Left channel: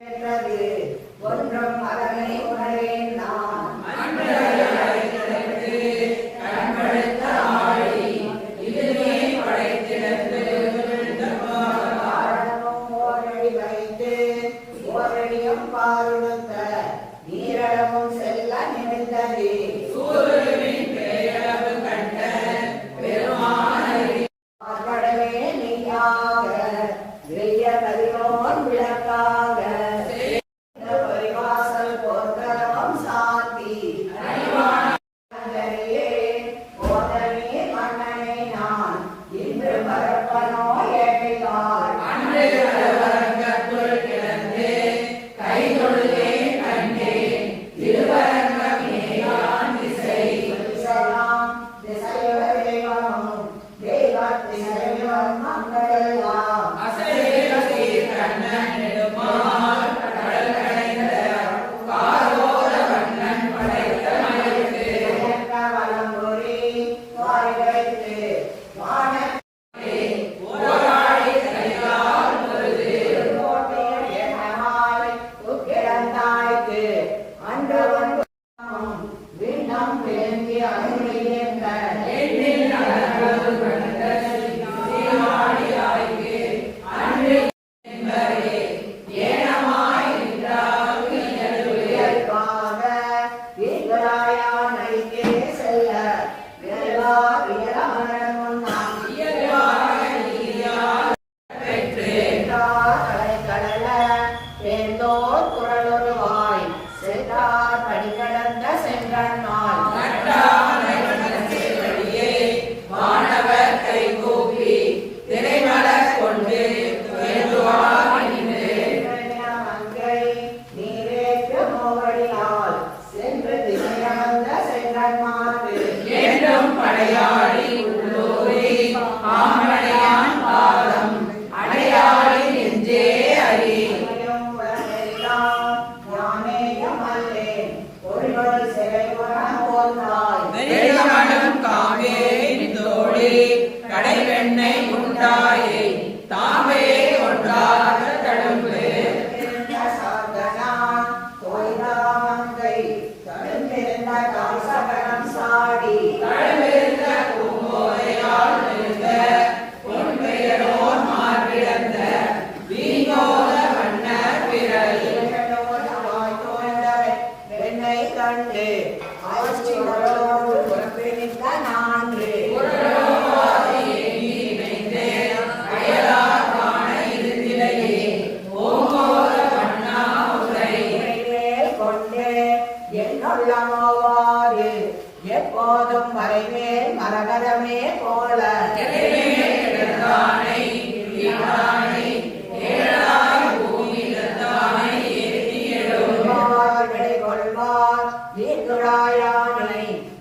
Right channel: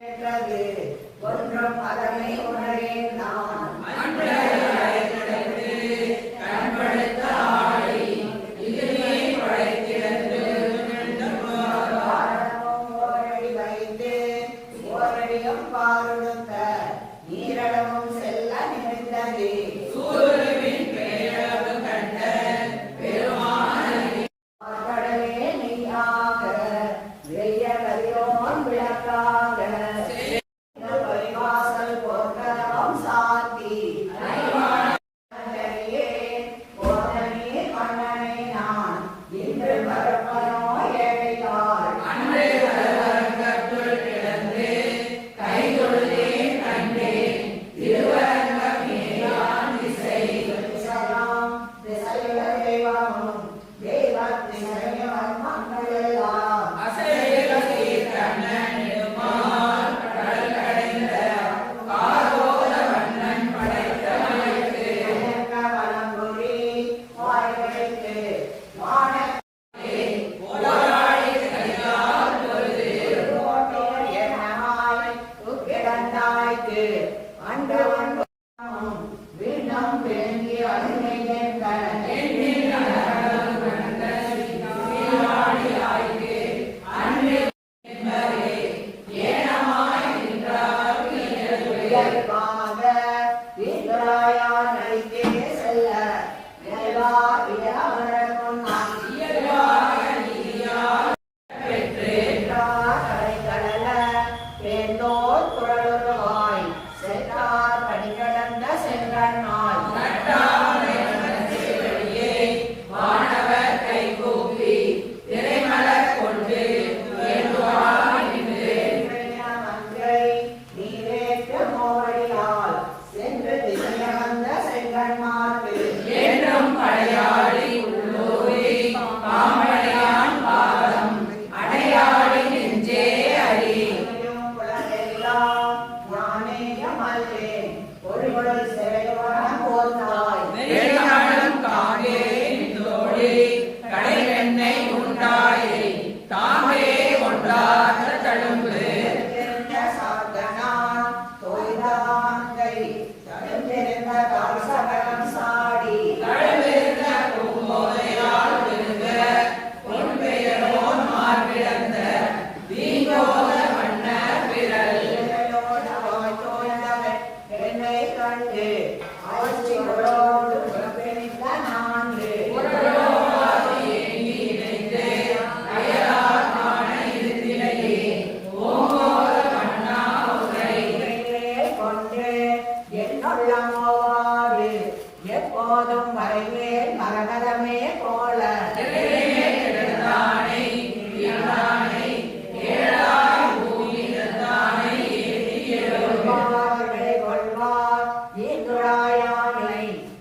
ஒன்றும் அதனை உணரேன் நான் ஓரடி வைத்து ஓரடியும் பாருடுத்த நீரளவும் செல்ல நினைத்தது கடலே நீயாக வெய்ய கதிரோன் விளக்காக பரிவாசல் போர்க்களம் சாத்தி போதனே மன்னனை நான் இன்று மறப்பனோ ஏழையார் கடைவெண்ணை உண்டாயே தாமே ஒன்றாக தழும்பு எப்போதும் மறைவேல் மரகதமே போல கொள்வார்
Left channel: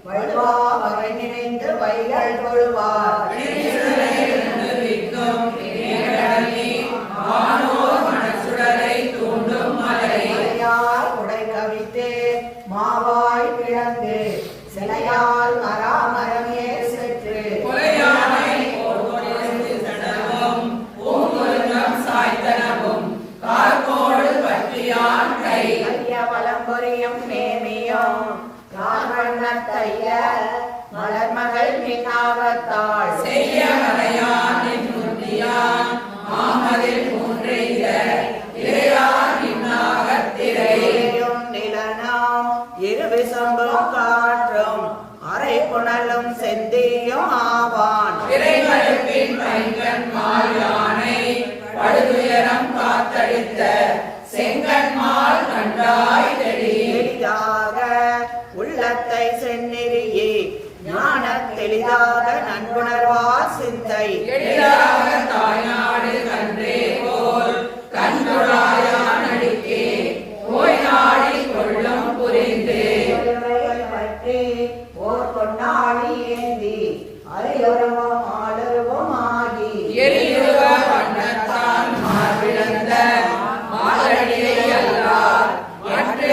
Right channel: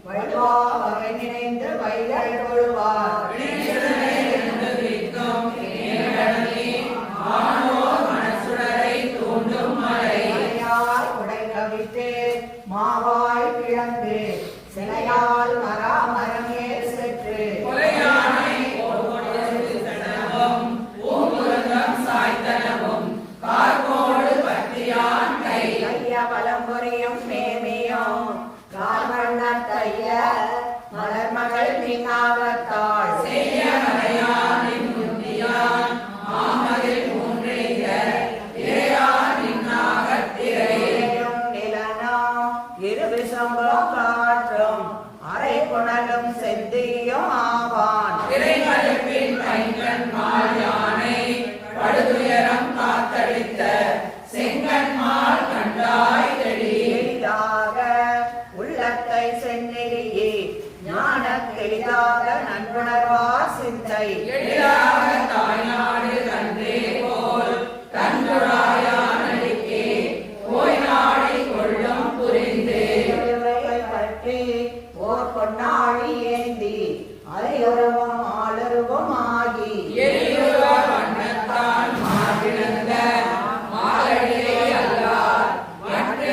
வல்வா வகை நினைந்து வைகள் கொள்வார் உடை கவித்து மாவாய் பிளந்து சிலையால் மராமரமே சென்று கைய வளம்புரியும் நேமியும் கைய மலர்மகள் பின்னாவத்தாள் செய்ய காற்றும் அரை புனலும் செந்தியும் ஆவான் படுதுயரம் காத்தடித்த செங்கன்மால் கண்டாய் தெளிதாக உள்ளத்தை செந்நெறியே ஞான தெளிதாக நன்குணர்வார் சிந்தை எளிதாக தாய்நாடு கன்றே போல் கண்டுராயானடிக்கே போய் நாடி கொள்ளும் புரிந்து பற்றி ஓர் பொன்னாழி ஏந்தி அரையுறவும் ஆளுருவும் ஆகி எளியுற வண்ணத்தான் மார்பிழந்த மாதடியே அல்லார் மற்ற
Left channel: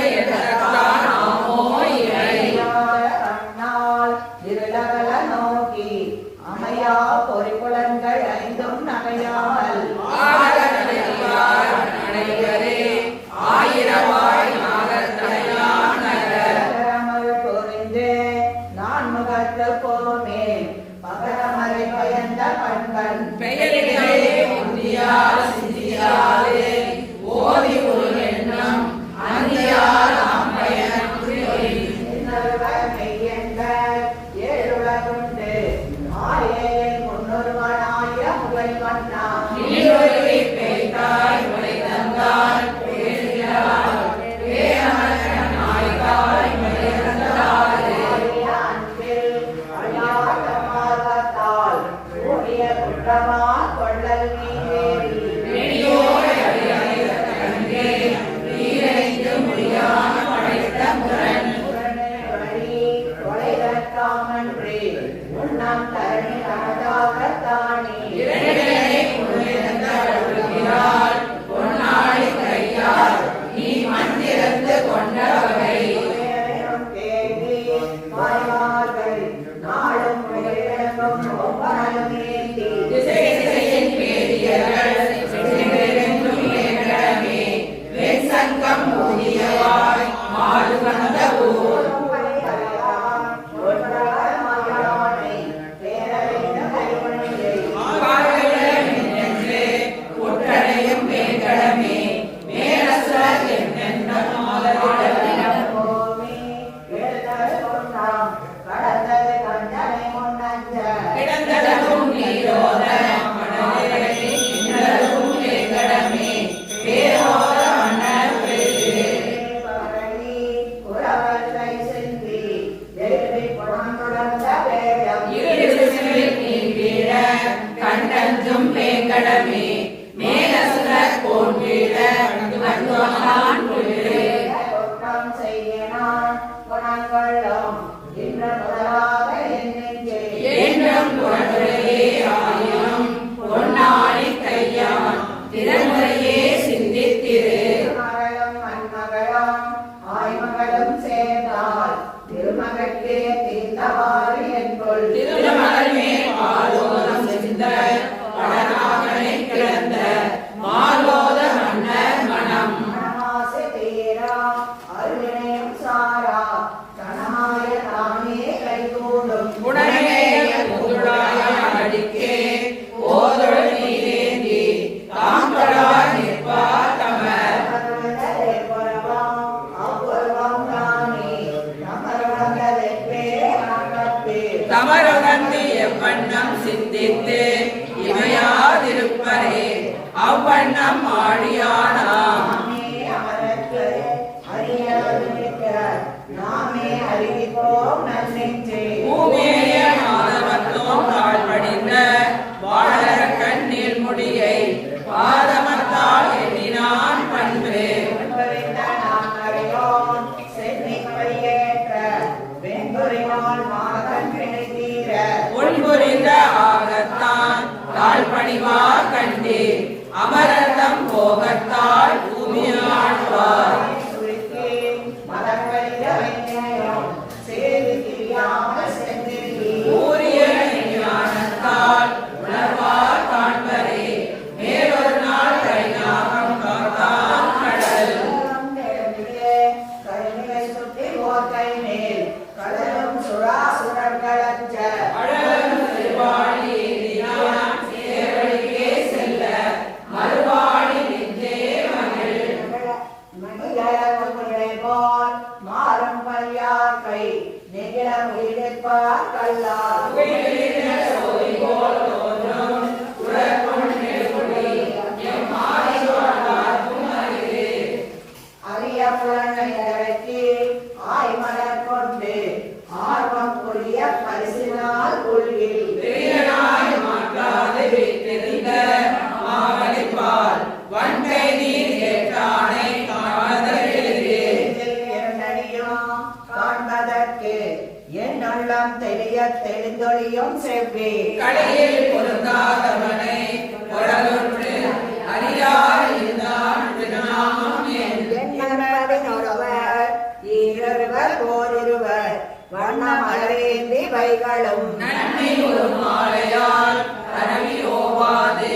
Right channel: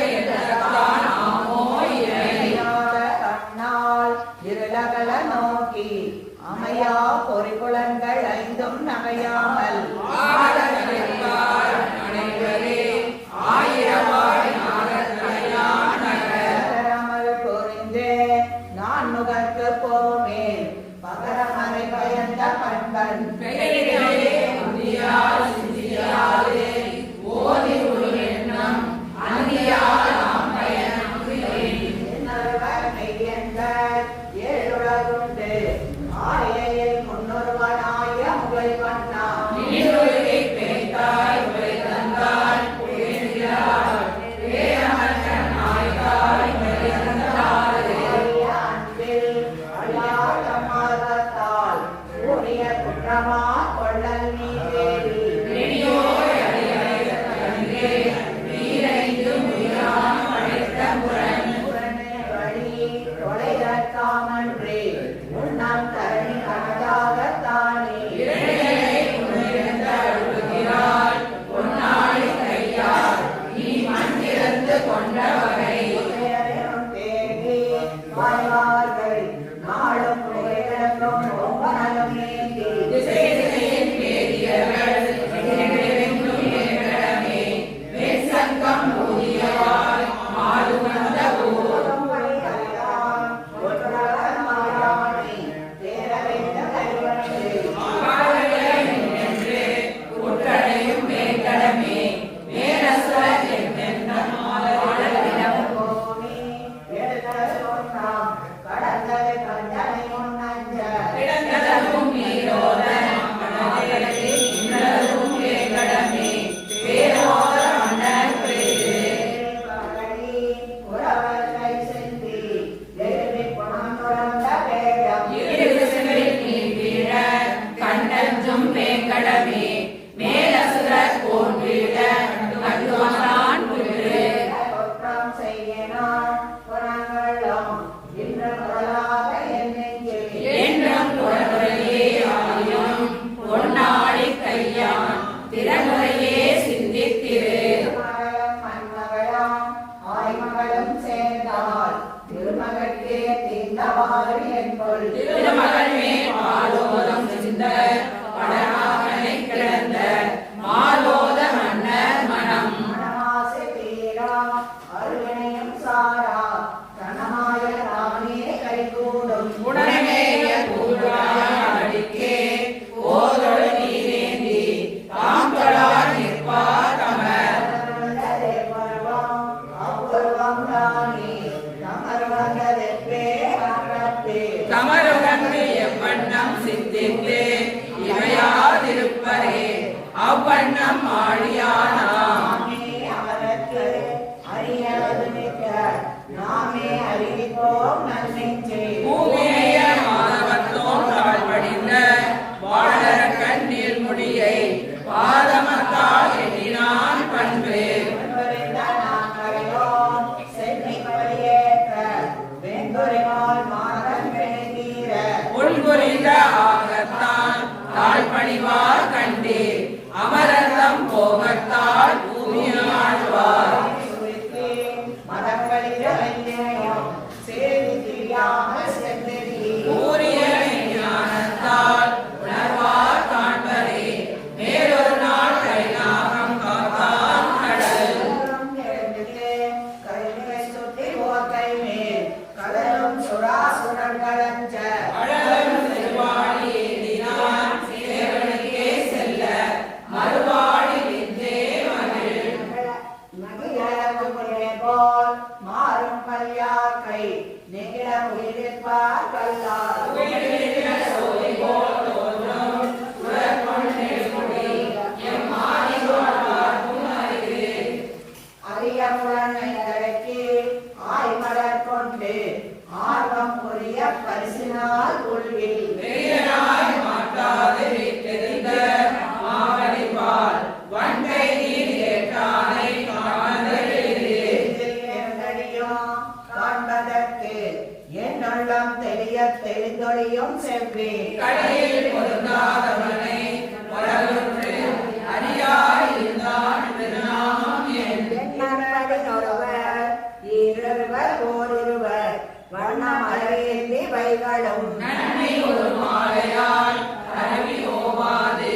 சித்திரே திருமகளும் மண்மகளாம் ஆய்மகளும் சேர்ந்தால் திருமகட்கே தீர்ந்தவாறு என்பொல் திருமகனே பாலோலம் சிந்த படநாகனை கிடந்த மாலோத மன்னர் மனம் மனமாசை தீரா அருவினையும் சாரா கணமாய தானே கைகூடும் உடனேய புதுடாய அடிக்கே ஓதொழு நீரேந்தி தாம் தொழார் நிற்பார் தமர் தமருகந்து எவ்வண்ணம் சிந்தித்து இமையாதிருப்பரே அவ்வண்ணம் ஆழியானாம் பூமிய மாதவத்தோம் நாள் படிந்த வாழற கண்ணில் முடியை பாதமத்தால் எண்ணினான் பண்பு உள்புரிந்த ஆகத்தான் கால் பணிவார் கண்டீர் அமரந்தம் போகத்தால் பூமியாழ்வார் கூறிய ஞானத்தால் உணர்வார் காண்பரே மேலொரு நாள் கைலாகம் காத்தான் கடல் அழலும் திருவாடி ஏந்தினான் சேவடிக்கே செல்ல மறுவாடி விந்தே மகிழ் மாறும் பல்யாக்கை நெகிழ உயிர்ப்பார் கல்லா உயிரிழந்த சோதி போல் தோன்றும் உலகொள் நெடுமுடி எம்மாதி வாழ்வார்க்கும் அரிது அரிய புலனைக்கு ஆய்மலர் கொண்டு ஆர்வம் புரிய பரிசினால் கொள்வில் பெரியனாய் மாட்டாது விட்டிருந்த மாவலிப்பால் வன்கை நீர் கேட்டானை காண்பதெளிது காண்பதற்கு என் உள்ளம் தெளிய தெளிந்தொழியும் செவ்வி கடையில் பொருந்தாதவனை கடலொன்று அறியாய் இருந்தான் திருநாமம் என் எண்ணற்பதின் ஒருவர் ஈரொருவர் ஓரிருவர் வண்ண மலரேந்தி வைகளும் நன்மை ஒரு மாலையால் கனவி ஓவாது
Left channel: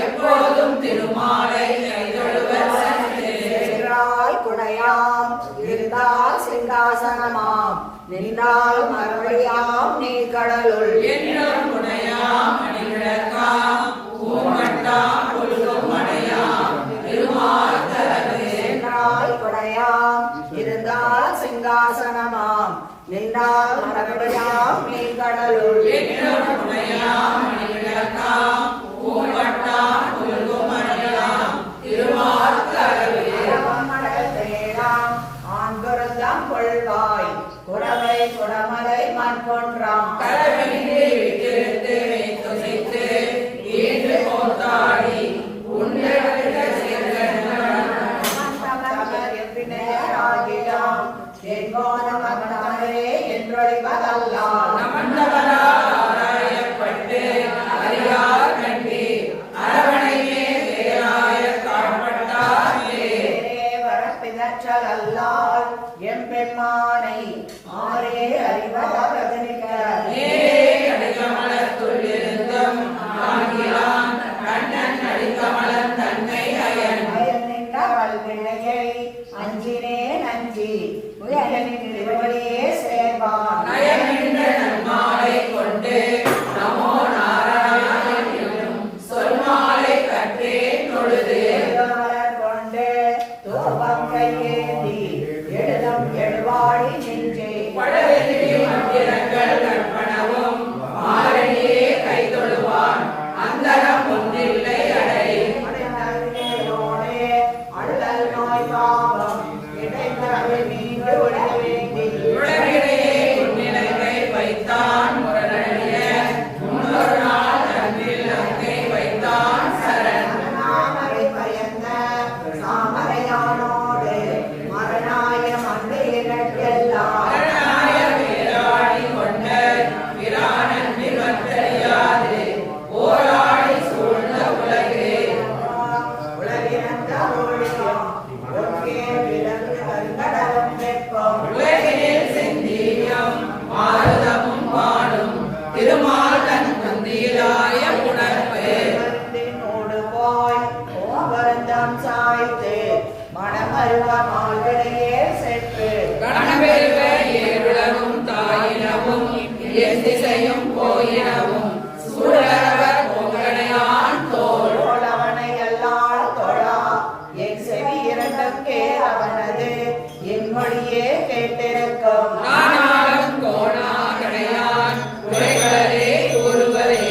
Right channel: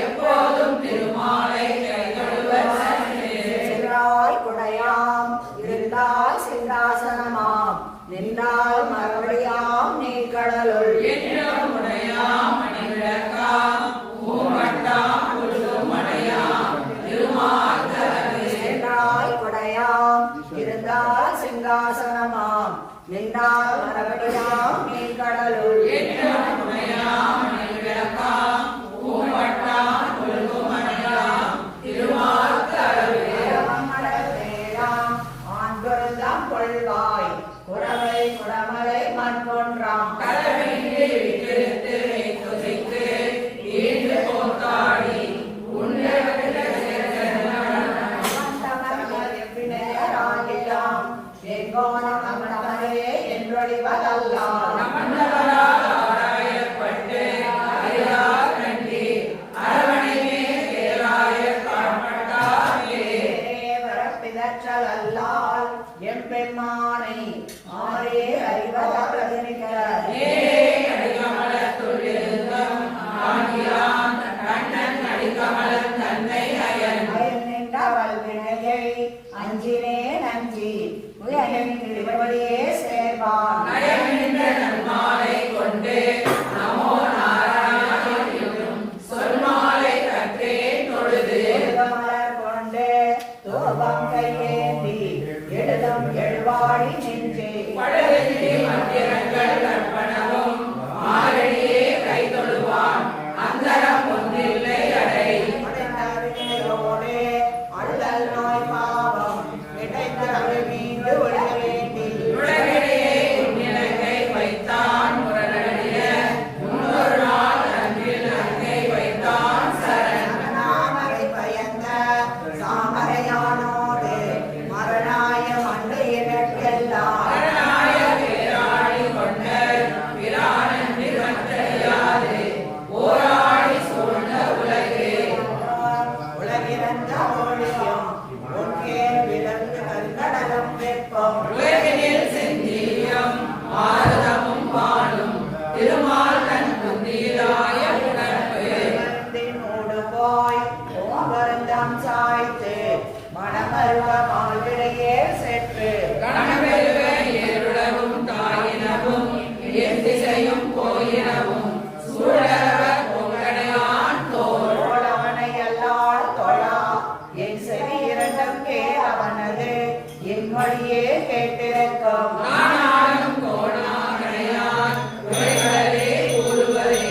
எப்போதும் திருமாலை கைதொழுவர் சென்று சென்றால் குடையாம் இருந்தால் சிங்காசனமாம் நின்றால் மறுபடியாம் நீர்கடலுள் என்றும் உடையாம் அணிவிளக்காம் பூமட்டாம் புல்லும் அடையாம் திருமாத்தரவே சென்றால் குடையாம் இருந்தால் சிங்காசனமாம் நின்றால் மறுபடியாம் நீர்கடலுள் என்றும் உடையாம் அணிவிளக்காம் பூமட்டாம் புல்லும் அடையாம் திருமாத்தரவே மடல் தேராம் ஆண்பொருந்தாம் கொள்வாய் குறவை குடமலை மண் கொன்றாம் கரவின்றி விட்டிருத்து துசைத்து ஈண்டு போத்தாடி உண்டெடுத்த மண்டபராயப்பட்டு அறியார் கண்டி அரவணையே பேராய காண்பட்டாரே என் பெண்மானை ஆரே அறிவதாக நேரே கடிகமலத்துள் இருந்தும் ஆகியான் கண்ணன் அடிக்கமலன் தன்னை அயன் அஞ்சினேன் அஞ்சி உலகின் திருவடியே சேர்வான் நயமின்ற நன்மாலை கொண்டு நமோ நாராயணன் என்னும் சொல்மாலை கட்டே தொழுது மலர் கொண்டு தூபம் கையேந்தி எழுதம் எழுவாடி நின்று பழவெள்ளி மந்திரங்கள் கற்பனவும் மாரடியே கைதொழுவான் அந்தரம் ஒன்றில்லை அடை அழுதல் நோய் பாவம் கிடைத்தவை நீங்கள் உலக வேண்டி உலகிலேயே உன்னிலங்கை வைத்தான் முரணடிய முன்னொரு நாள் அன்றில் அங்கை வைத்தான் சரண் நாமரை பயந்த சாமரையானோடு மரணாய மங்கையெல்லாம் மரணாய பேராடி கொண்ட பிரானன் நிவற்றறியாது ஓராடி சூழ்ந்த உலகே உலகிழந்த ஒழிய மனமருவ மால்விடையே செற்று கணவெருவ ஏருலகும் தாயினவும் எத்திசையும் போயினவும் சூழலவ பொங்கடையான் தோள் அவனை அல்லால் தொழா என் செவி இரண்டுக்கே அவனது என் மொழியே கேட்டிருக்கும் நானாளும் கோணாகடையான் உரைகளே கூறுவதே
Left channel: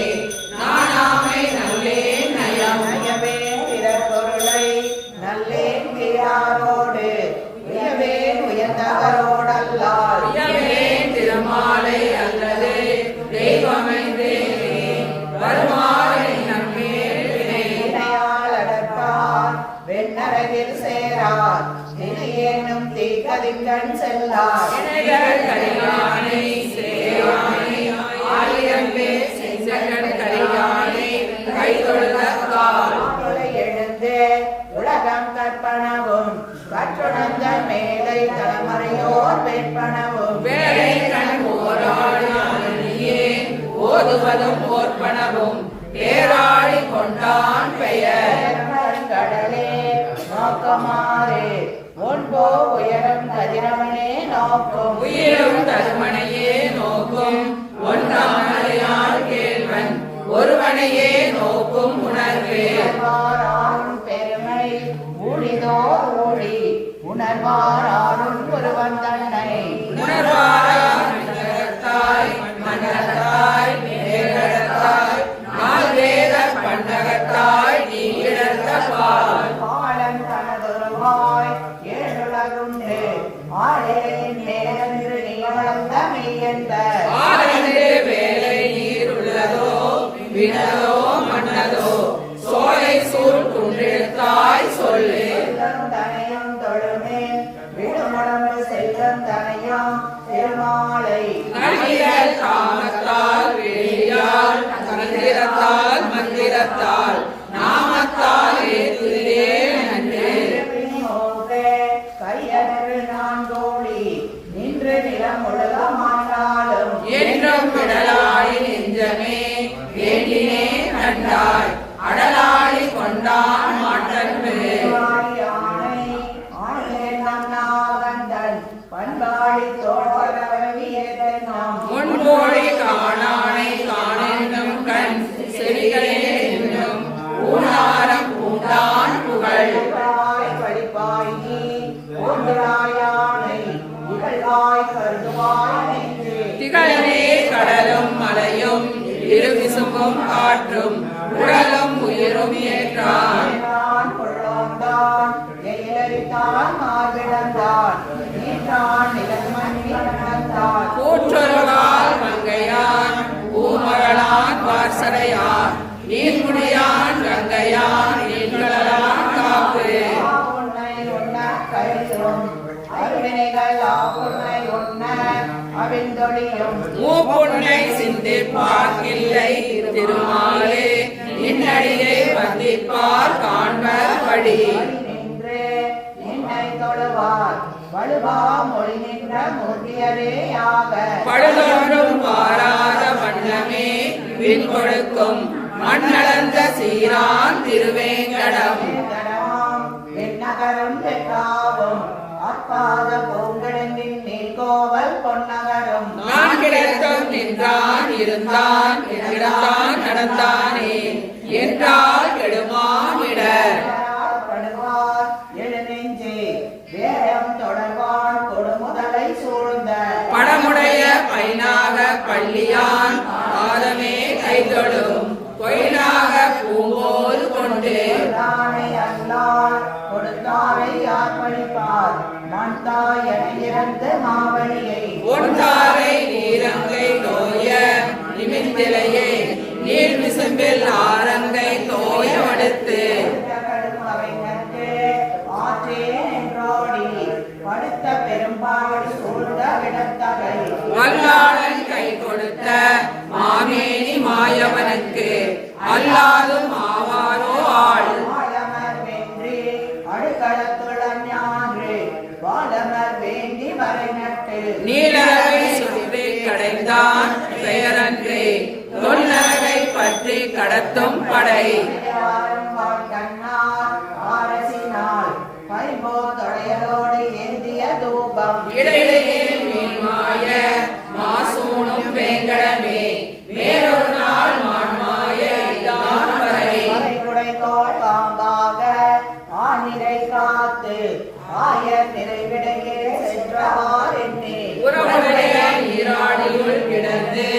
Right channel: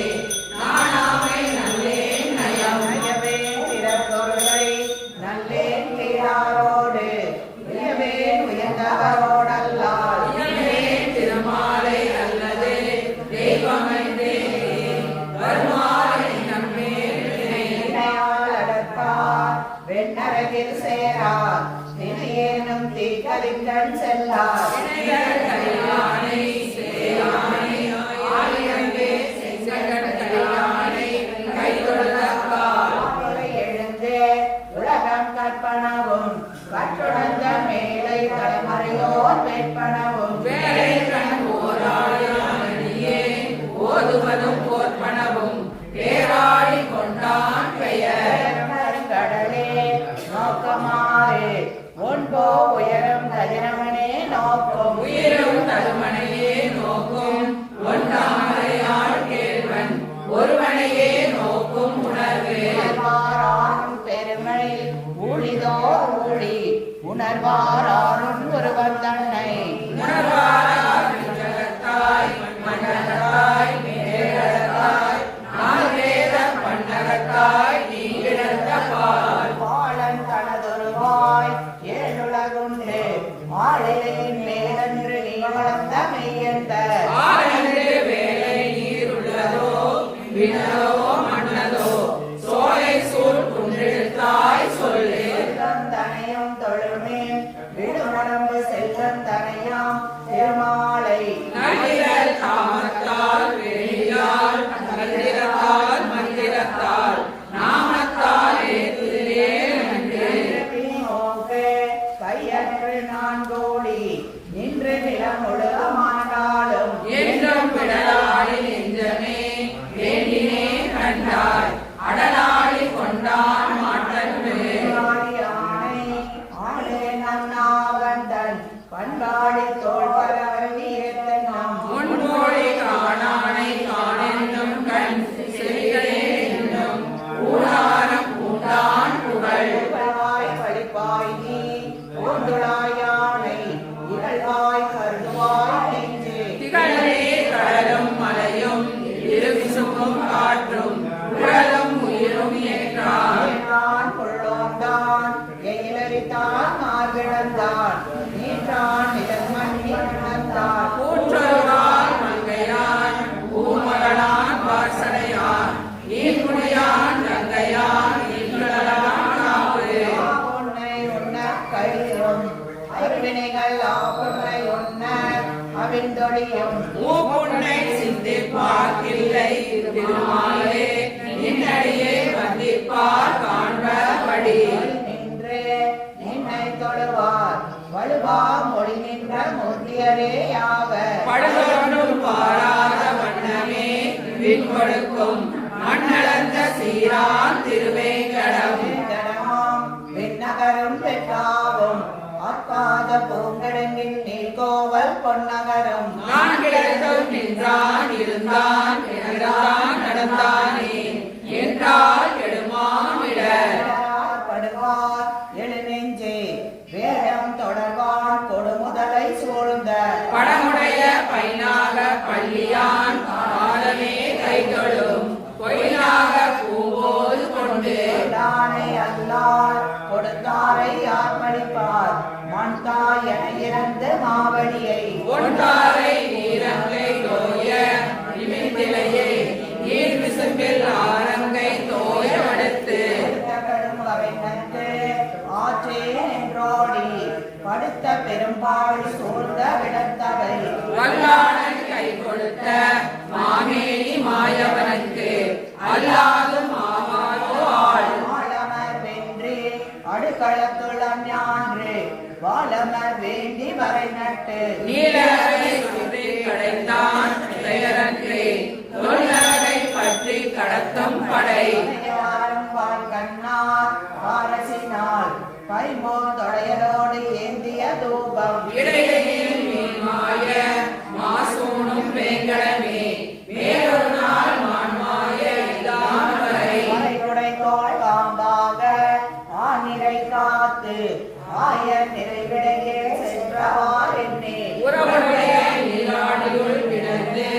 நானாமை நல்லேன் நயம் நயவே பிறப்பொருளை நல்லேன் யாரோடு உயவேன் உயர்ந்தவரோடல்லால் இயலேன் திருமாலை அல்லது தெய்வமைந்தே வருமாறை நம்மேல் அடர்த்தார் வெண்ணரவில் சேரார் தினையேனும் தீக்கதிக்கண் செல்லார் கரியானை சேயானை ஆயிரம் பேர் செங்கடல் கரியானை கைதொழுதற்கால் மாமுலை எழுந்து உலகம் கற்பனவும் கற்றுணர்ந்த மேலை தலைமுறையோர் வேட்பனவும் வேலை கண் ஓராடியே ஓதுவதும் ஓர்ப்பனவும் பேராடி கொண்டான் பெயர் கடலே நோக்கமாறு ஒன்போ உயரம் கதிரவனே நோக்கும் உயிரும் தருமனையே நோக்கும் ஒன்றாமலையான் கேள்வன் ஒருவனையே நோக்கும் உணர்வு உணர்வாரானும் பெருமை ஊழிதோர் ஊழி உணர்வாரானும் ஒருவன் தன்னை உணர்வாராய் மண்டகத்தாய் மண்டகத்தாய் மேகத்தாய் நால்வேத பண்டகத்தாய் நீ இழந்த பால் பாலன் தனதொருவாய் ஏழுலகுண்டு ஆளிலையின் மேலமிரு நீ வளர்ந்த மெய்யந்த ஆனந்தே வேலை நீருள்ளதோ வினதோ மன்னதோ சோலை சூழ் குன்றெழுத்தாய் சொல்லு செல்வம் தனையும் தொழுமே விடுமடம்பு செல்வம் தனையாம் திருமாலை கண்ணிரல் காமத்தால் வெளியால் மந்திரத்தால் மந்திரத்தால் நாமத்தால் ஏத்துலே நன்று நோக்கே கையற்று நான் கோழி நின்று நிலம் உலகமானாலும் என்றும் விடலாடி நெஞ்சமே வேண்டினே கண்டாய் அடலாடி கொண்டான் மாற்றமே ஆணை ஆணே நன்னாவந்தன் பண்பாடி தோழவழியேற்றம் முன்போடி காணானை காணென்னும் கண் செவிகளே என்னும் ஊனாரம் பூண்டான் புகழ் படிப்பாய் நீ ஓண்டுளாயானை இகழ்வாய் கருதுவாய் நெஞ்சு திகழவே கடலும் மலையும் இருவிசும்பும் காற்றும் உடலும் உயிரும் ஏற்றான் நான் கொள்ளோந்தான் எயிலறித்தான் மார்பிடந்தான் நீட்டான் நிழல் மண்ணி நடந்தான் கூற்றொருளால் மங்கையான் பூமகளான் வாசனையான் நீர்முடியான் கங்கையான் நீர்களான் காப்பு உன்னை உன்ன கழியும் அருவினைகள் ஆவுன்னை உன்ன அவிந்தொழியும் மூப்புன்னை சிந்திப்பார்க்கில்லை திருமாலே நின்னடியை வந்திப்பார் காண்பபடி நின்று நின்னை தொழுவார் வலுவா மொழி நின்ற மூர்த்தியரேயாக படுதொன்றும் பாராத வண்ணமே விண் கொடுக்கும் மண்ணளந்த சீரான் திருவேங்கடம் கடமாம் வெண்ணகரும் வெட்டாவும் அக்காத பூங்கிடங்கின் நீர்கோவல் பொன்னகரும் நான் கிடைத்தும் நின்றான் இருந்தான் இருந்தான் நடந்தானே என்றால் கெடுமாமிடர் படுவார் எழுநெஞ்சே வேடம் தொடர்வான் கொடுமுதலை சூழ்ந்த படமுடைய பைனாக பள்ளியான் ஆதமே கைதொடும் பொய்னாக பூங்கோல் கொண்டு தானை அல்லார் கொடுத்தாரை ஆர்ப்பணிப்பார் மண்தாய் என இறந்து மாவடியை ஒன்றாரை நீரங்கை தோய நிமித்திலையே நீர் விசும்பில் ஆரங்கை தோய வடுத்து கடும் அவை நட்டு ஆற்றேன் என்றோடி படுத்த பெரும்பாவடி சூழ்ந்த விடத்தகை வல்லாளன் கை கொடுத்த மாமேனி மாயவனுக்கு அல்லாதும் ஆவாரோ ஆள் ஆழமர் வென்றி அடுக்களத்துளம் ஞான்று வாழமர் வேண்டி வரை நட்டு நீலகை சுற்றி கடைந்தான் பெயரன்றே தொல்லகை பற்றி கடத்தும் படை யாரும் வான் கண்ணார் ஆரசினால் பைம்போ செங்கோல் தொடையலோடு ஏந்திய தூபம் இடையிடையே மீன்மாய மாசூணும் வேங்கடமே வேறொரு நாள் மான்மாய இதான் வரை மறைகுடை தோள் பாம்பாக ஆனிரை காத்து ஆய நிறைவிடையே சென்றவார் என்னே உறவுடைய நீராடியுள் கிடந்து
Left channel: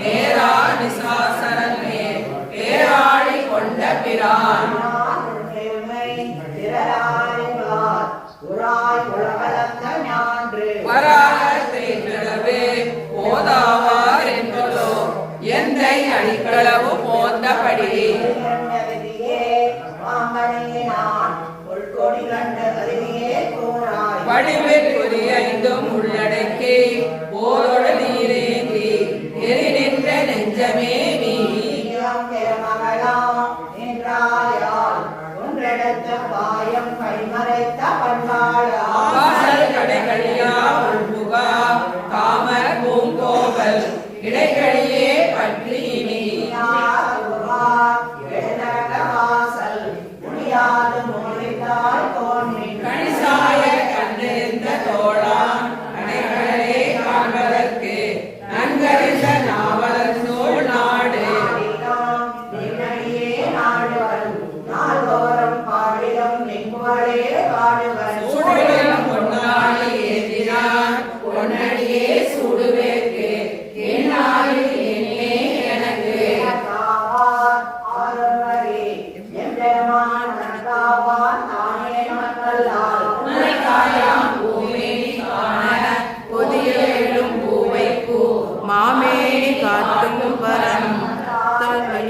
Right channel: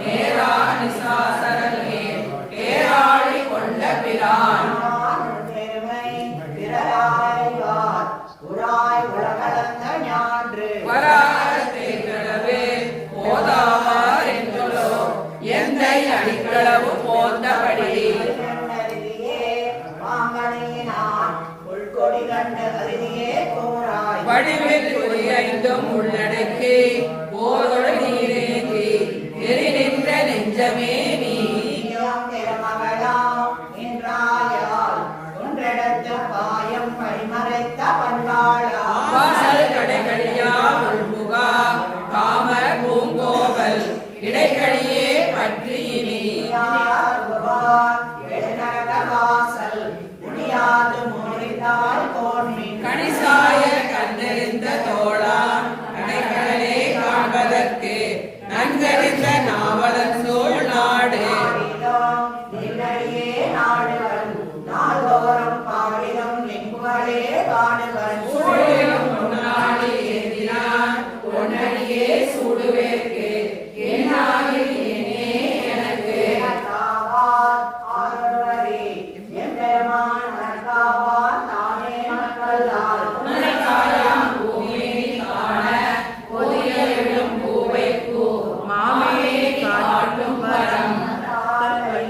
நேரா நிசாசரமே பேராளி கொண்ட பிரான் பெருமை பிறராய்வார் உராய் உலகளந்த ஞான்று வராளவே போதாவார் என்றோ எந்தை அடிக்களவு போந்தபடி வடிவில் குறியைந்தும் உள்ளடக்கி போரோடு நீரேந்தி எரி நின்ற நெஞ்சமே நீ வாசல் கடைகளியா உள்புகா காம பூங்கோவல் இடைக்கடியே பற்றி நீ கணிசாய கண்டறிந்த தோழான் கடைகளே காண்பதற்கு நன்கறிந்த நாவலர் சோழ் நாடு சூழலிலும் பொன்னாடி ஏந்தினான் பொன்னடியே சூடுவேற்கு என்னாடி ஏனே எனக்கு மலைக்காயாம் பூமி காண புதிய எழும் பூவை பூ மாமே காட்டும் வரம்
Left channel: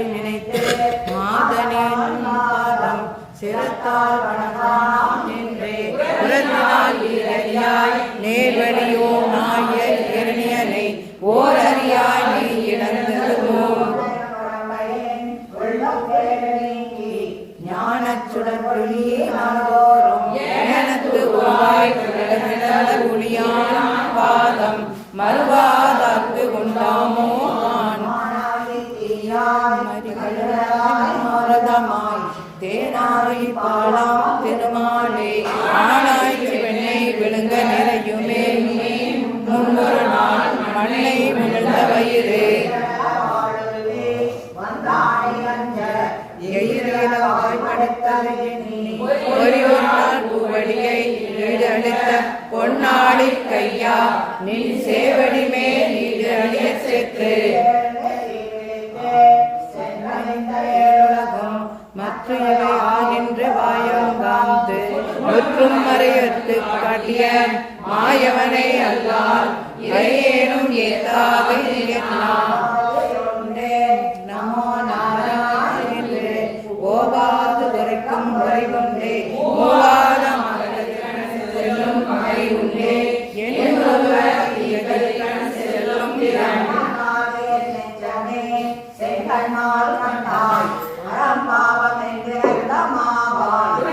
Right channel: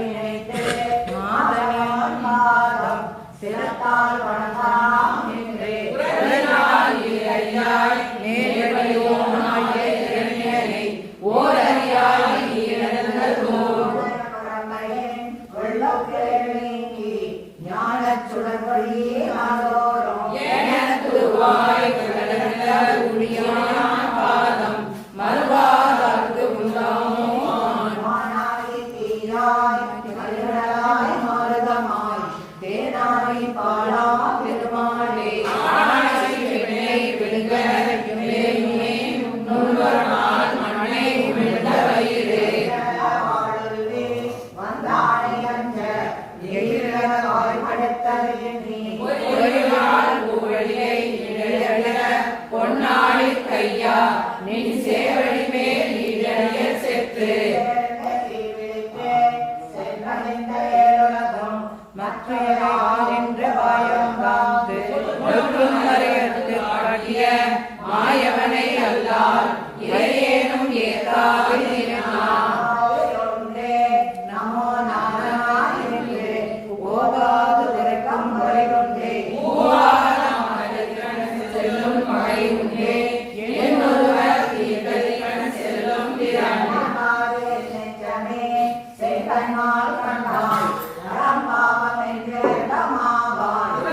நினைத்து மாதனின் மாதம் சிரத்தால் வணங்காம் என்றே உலகினால் இறையாய் நேர்வழியோமாய இரணியனை ஓரறியாய் நீ இழந்ததோ எனக்கு வாய் கிளந்த ஒளியான் பாதம் மறுவாதற்கு உண்டாமோ திருமாலே விழுங்க நிறையுமே முன்னொரு நாள் மழை விழுந்த வயிறு ஒரு நாள் பூவழியை இழந்த பொன்னாடி கையா நின் சேவடி மேல் நீடழிய செத்து மற்றவை ஆகின்ற வாயங்காந்து ஒற்றும் மறையத்து காட்டிய மாயவனை அல்லால் இறையேனும் ஏதாவது நினைத்தான் நமோ நாராயணே ஓவாது உரைக்கும் உரைவொன்றே மூவாத செல்லும் மழை உண்டே என்னொருவர் தீர்க்கதிகண செல்லும் திறன் செய்கண்ணால் கண்டாய் அறம் பாவம் என்று மாவாய்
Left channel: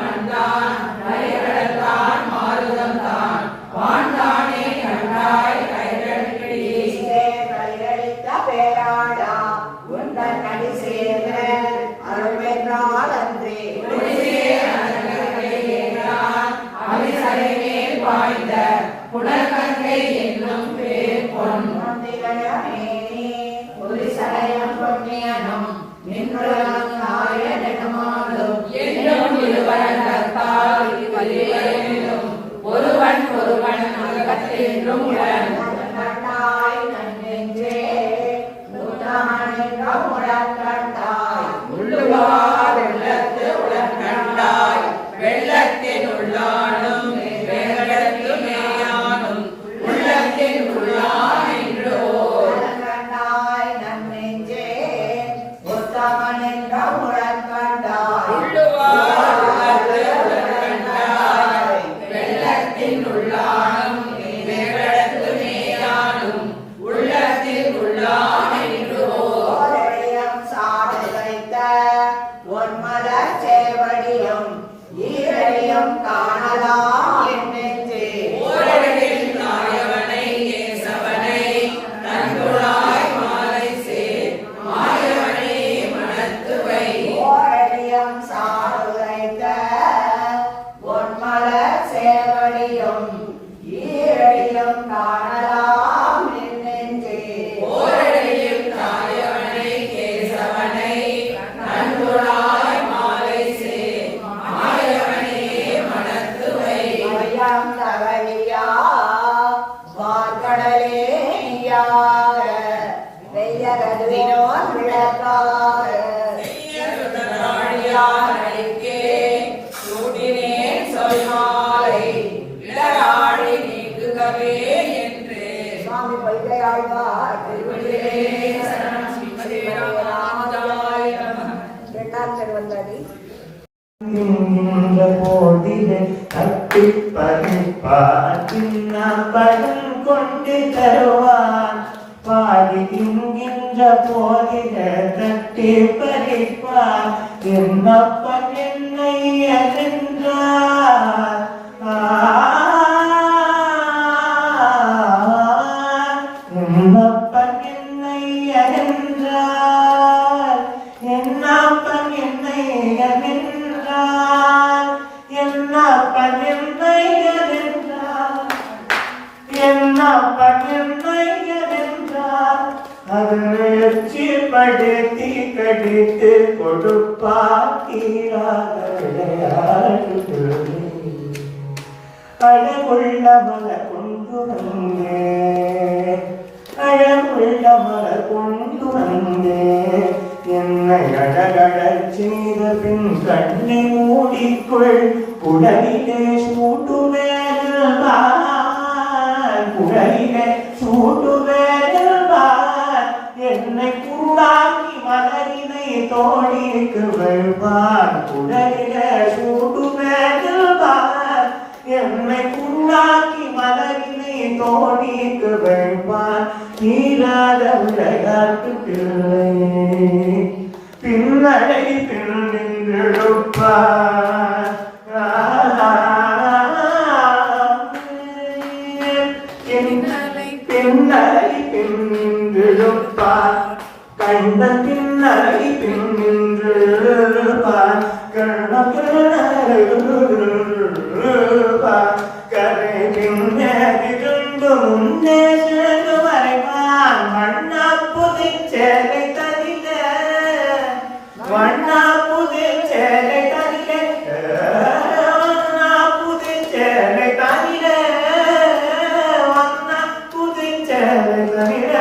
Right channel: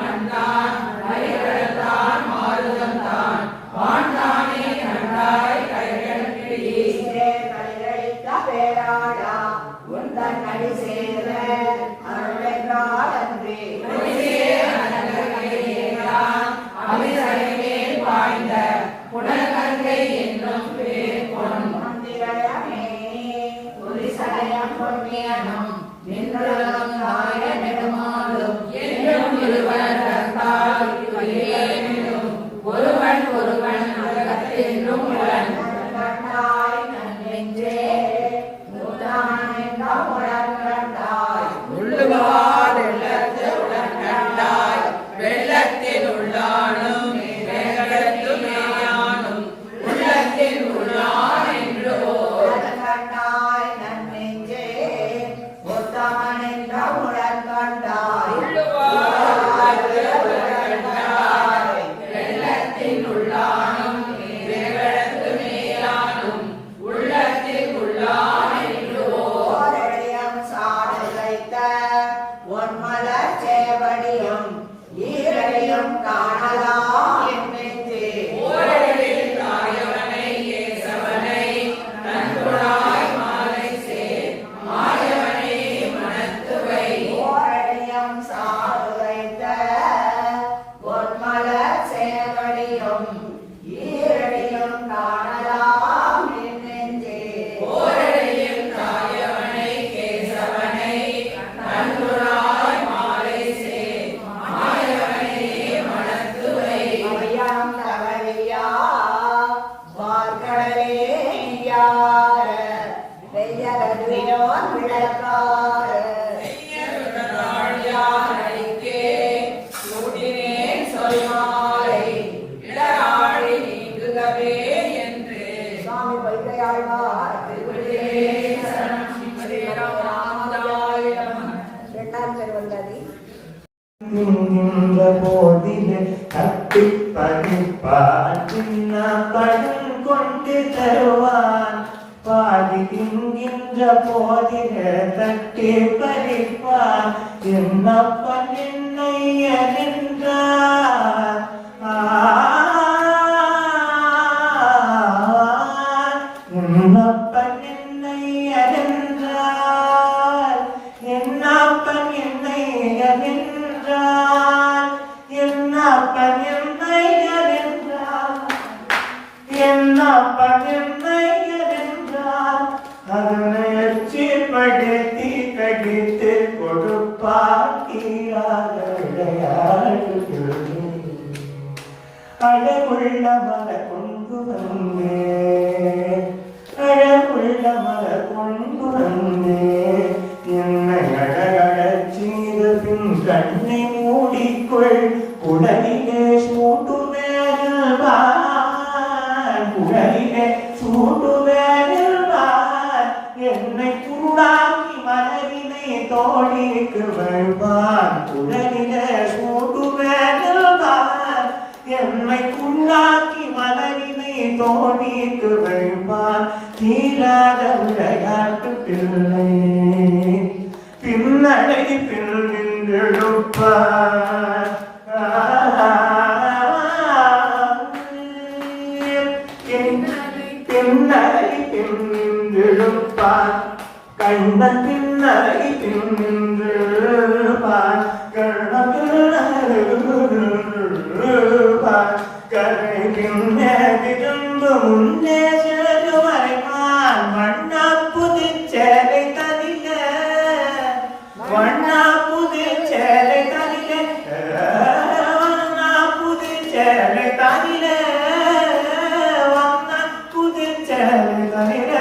கண்டான் வரைகடத்தான் மாறுதம் தான் வான்தானே கண்டாய் கைகளிடையே பேராடா உந்தன் நடி சேர அருள்வென்றால் அன்றே அவிசலைமேல் வாய்ந்த புனர்கங்கை என்னும் பேர் பொன் ஒலிசலயம் பொன்னியனும் நின்றுலகம் நாய நெடுமாலும் என்னும் இருவரத்தால் இவரேனும் ஒருவன் ஒருவன் அகத்தென்றும் உடன் கண்டாய் நன்னெஞ்சே நூற்றாண்டென்ற உடன் கண்டாய் உள்ளுவார் வெள்ளத்து உடன் கண்டாய் வெள்ளத்தின் உள்ளானும் வெள்ளத்து மேயானும் உள்ளத்தின் உள்ளான் என்றோ கண்டாய் நன்னெஞ்சே உத்தமன் என்ற உடன் கண்டாய் உள்ளுவார் உள்ளத்து உடன் கண்டாய் வெள்ளத்தின் உள்ளானும் வெள்ளத்து மேயானும் உள்ளத்தின் உள்ளான் என்றோ ஓரடியம் சாடு வைத்த ஒன்மலர் சேவடியம் ஈரடியம் காணலாம் என் நெஞ்சே ஓரடியில் நாயவனை கேசவனை நன்குழாய் மாலை சேர் மாயவனே மனத்துவை ஓரடியம் சாடு வைத்த நின்ற போதிலே தட்டி பறிப்பார் சின்ன படம் கொண்டு தருவான் பாடி தின்கின்ற போதிலே தட்டி பறிப்பார் என்னப்பன் என்னை என்றார் என்னப்பன் என்னை என்றார் என்னப்பன் என்னை என்றார் என்னப்பன் என்னை என்றார் என்னப்பன் என்னை என்றார் அதனை படுத்தி கடித்து கொடுப்பார் தீராத விளையாட்டு அழகுள்ள மலர் கொண்டு வந்தே அழகுள்ள மலர் கொண்டு வந்தே என்னை அழகழச் செய்த பின் கண்ணை மூடிக்கொள் உடலிலே சூட்டுவேன் உடலிலே சூட்டுவேன் என்னை கூடாக்கி மலரினை தோழிக்கு வருவான் உடலிலே சூட்டுவேன் என்னை கூடாக்கி மலரினை தோழிக்கு வருவான் தீராத விளையாட்டு பிள்ளை பின்னடை பின் நின்றெடுப்பார் பின்னடை பின் நின்றெடுப்பார் கண்ட பின்னடை பின் நின்றெடுப்பார் கண்ண கரை பின்னே திரும்ப முன்னே சென்று வரைவான் மண்ணா புதுச்சேலை தனில வண்ணா புதுச்சேலை தனில வண்ணா புதுச்சேலை தனில வண்ணா புதுச்சேலை தனில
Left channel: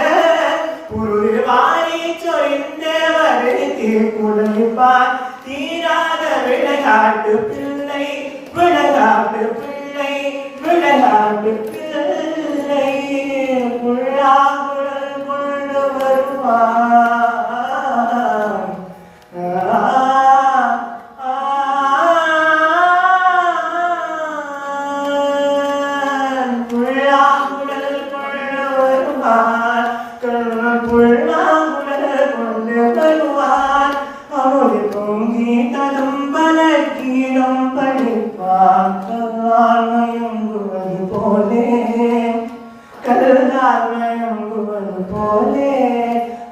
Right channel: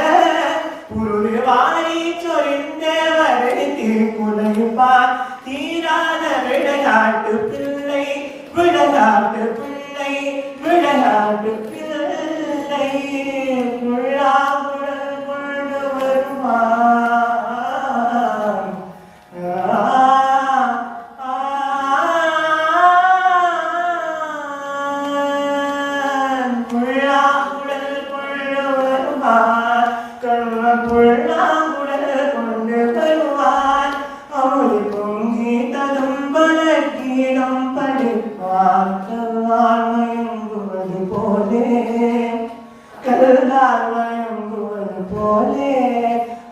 புது வாரி சொரிந்தே வருத்தி குலைப்பான் தீராத விளையாட்டு பிள்ளை விளையாட்டு பிள்ளை விளையாட்டு பிள்ளை புல்லாங்குழல் கொண்டு வருவான் புல்லாங்குழல் கொண்டு வருவான் கண்ணன் புல்லாங்குழல் கொண்டு வருவான் அவளை பொங்கி ததும்பல கீழம் படிப்பான் கல்லால் மயங்குவது போலே கல்லால் மயங்குவது போலே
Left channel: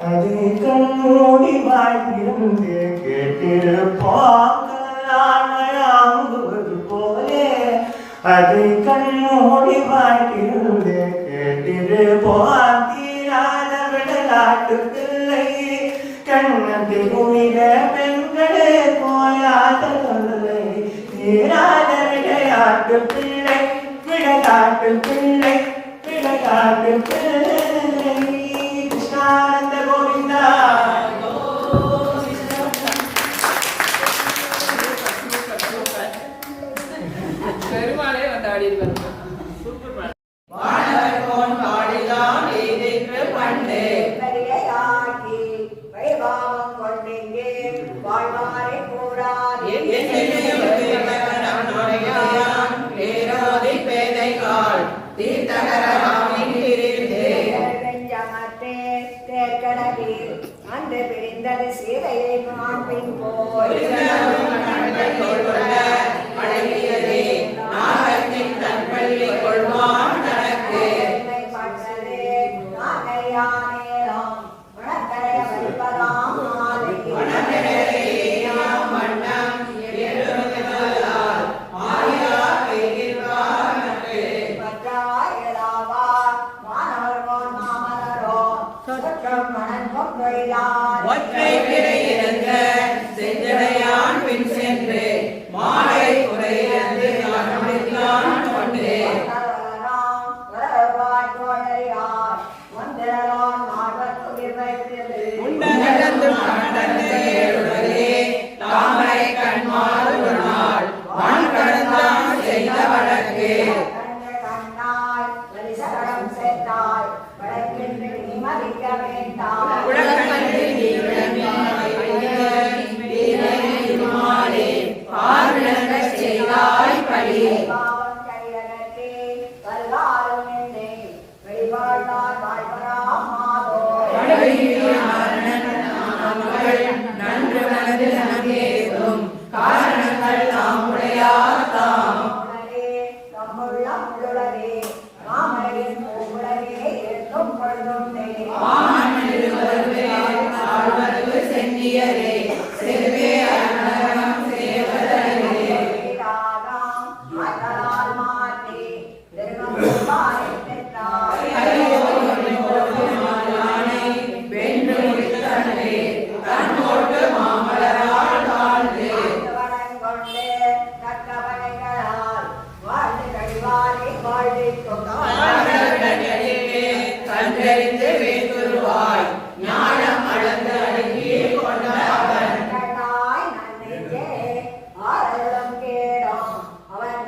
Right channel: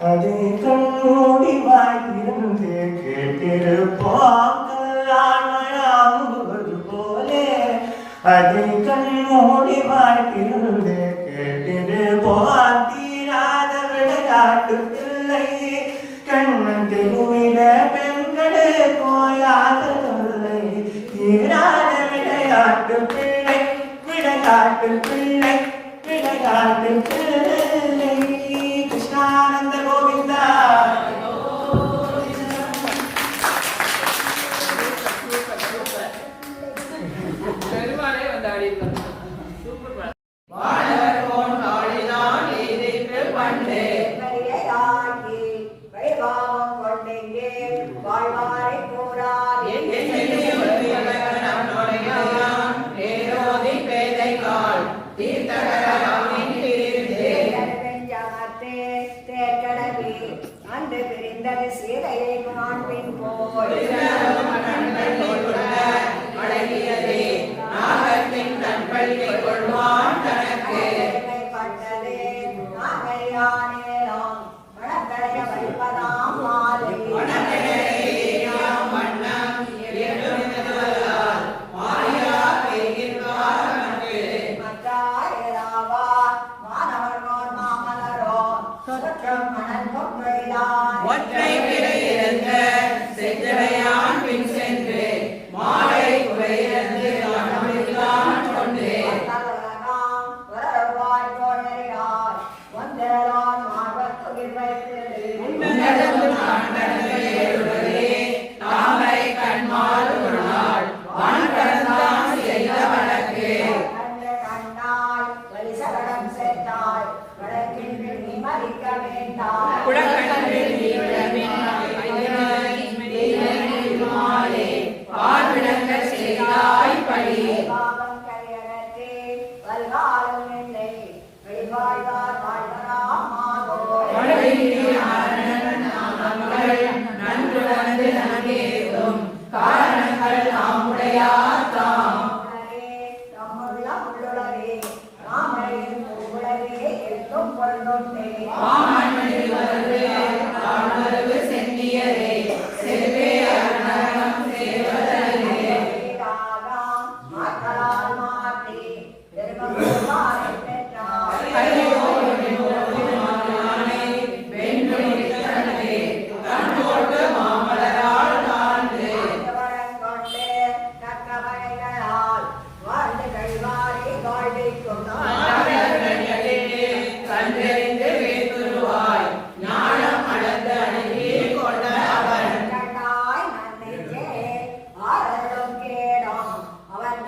அதை கண்ணூடி வாழ்த்திருந்து கேட்டிருப்பான் கல்லால் மயங்குவது போலே அதை கண்ணூடி வாழ்த்திருந்து கேட்டிருப்பான் தீராத விளையாட்டு பிள்ளை கண்ணன் திருவிட பெண்களே போயாத தொல்லை தீராத விளையாட்டு பிள்ளை விளையாட்டு பிள்ளை விளையாட்டு பிள்ளை கிருஷ்ணானந்த கோவிந்தா பெருமாளே வந்து ஆடி வானவர் போன் பாடினான் எதிர்ப்பு பண்டு பெரியதாக்கி வைபாவம் கொண்டெங்கே வாழ்வாரை கூறாதே அன்று பிரிந்தது சீதையை காண்பின் போய் அழகியதே நாகத்தின் தன்பள்ளி கொள்வான் தனக்கு நேரம் வணக்கடைய வைப்பதாம் மாலை வண்ணம் மாயா கைகிற்கானக்கு ஒற்றை பிறையிழந்த செஞ்சடையான் பின் சென்று மாலை குறையிழந்து கண்டுபிடித்தான் கொண்டு உன்னதந்து மாண்டே தாமரை கண்மால் ஒரு நாள் வான் கடந்தான் செய்த வழக்கு உலகத்தில் மாலே பான் படி பாவம் கரியனற்றே வருகாலம் நின்றே வெளிவாழ்வார் வாழ்வராம் மாதோ நன்று வந்து நமக்கேதும் காரணங்கள் தாமுடையார் தாம் உளரே தம்முள்ள உள்ளுளரே மாமரையின் பூவுளரே எழுத்தும் பொழுதுண்டே ஆழ்வரவு சென்னியரே செல்வே அன்னரம் சேவலரே ராகாம் மாற்றலால் மாற்றி திருமணம் பெற்றார் கண்டறிந்து வேண்டுருவாய் ஞானம் அளந்து அடங்கி கொண்ட அவன் அவன்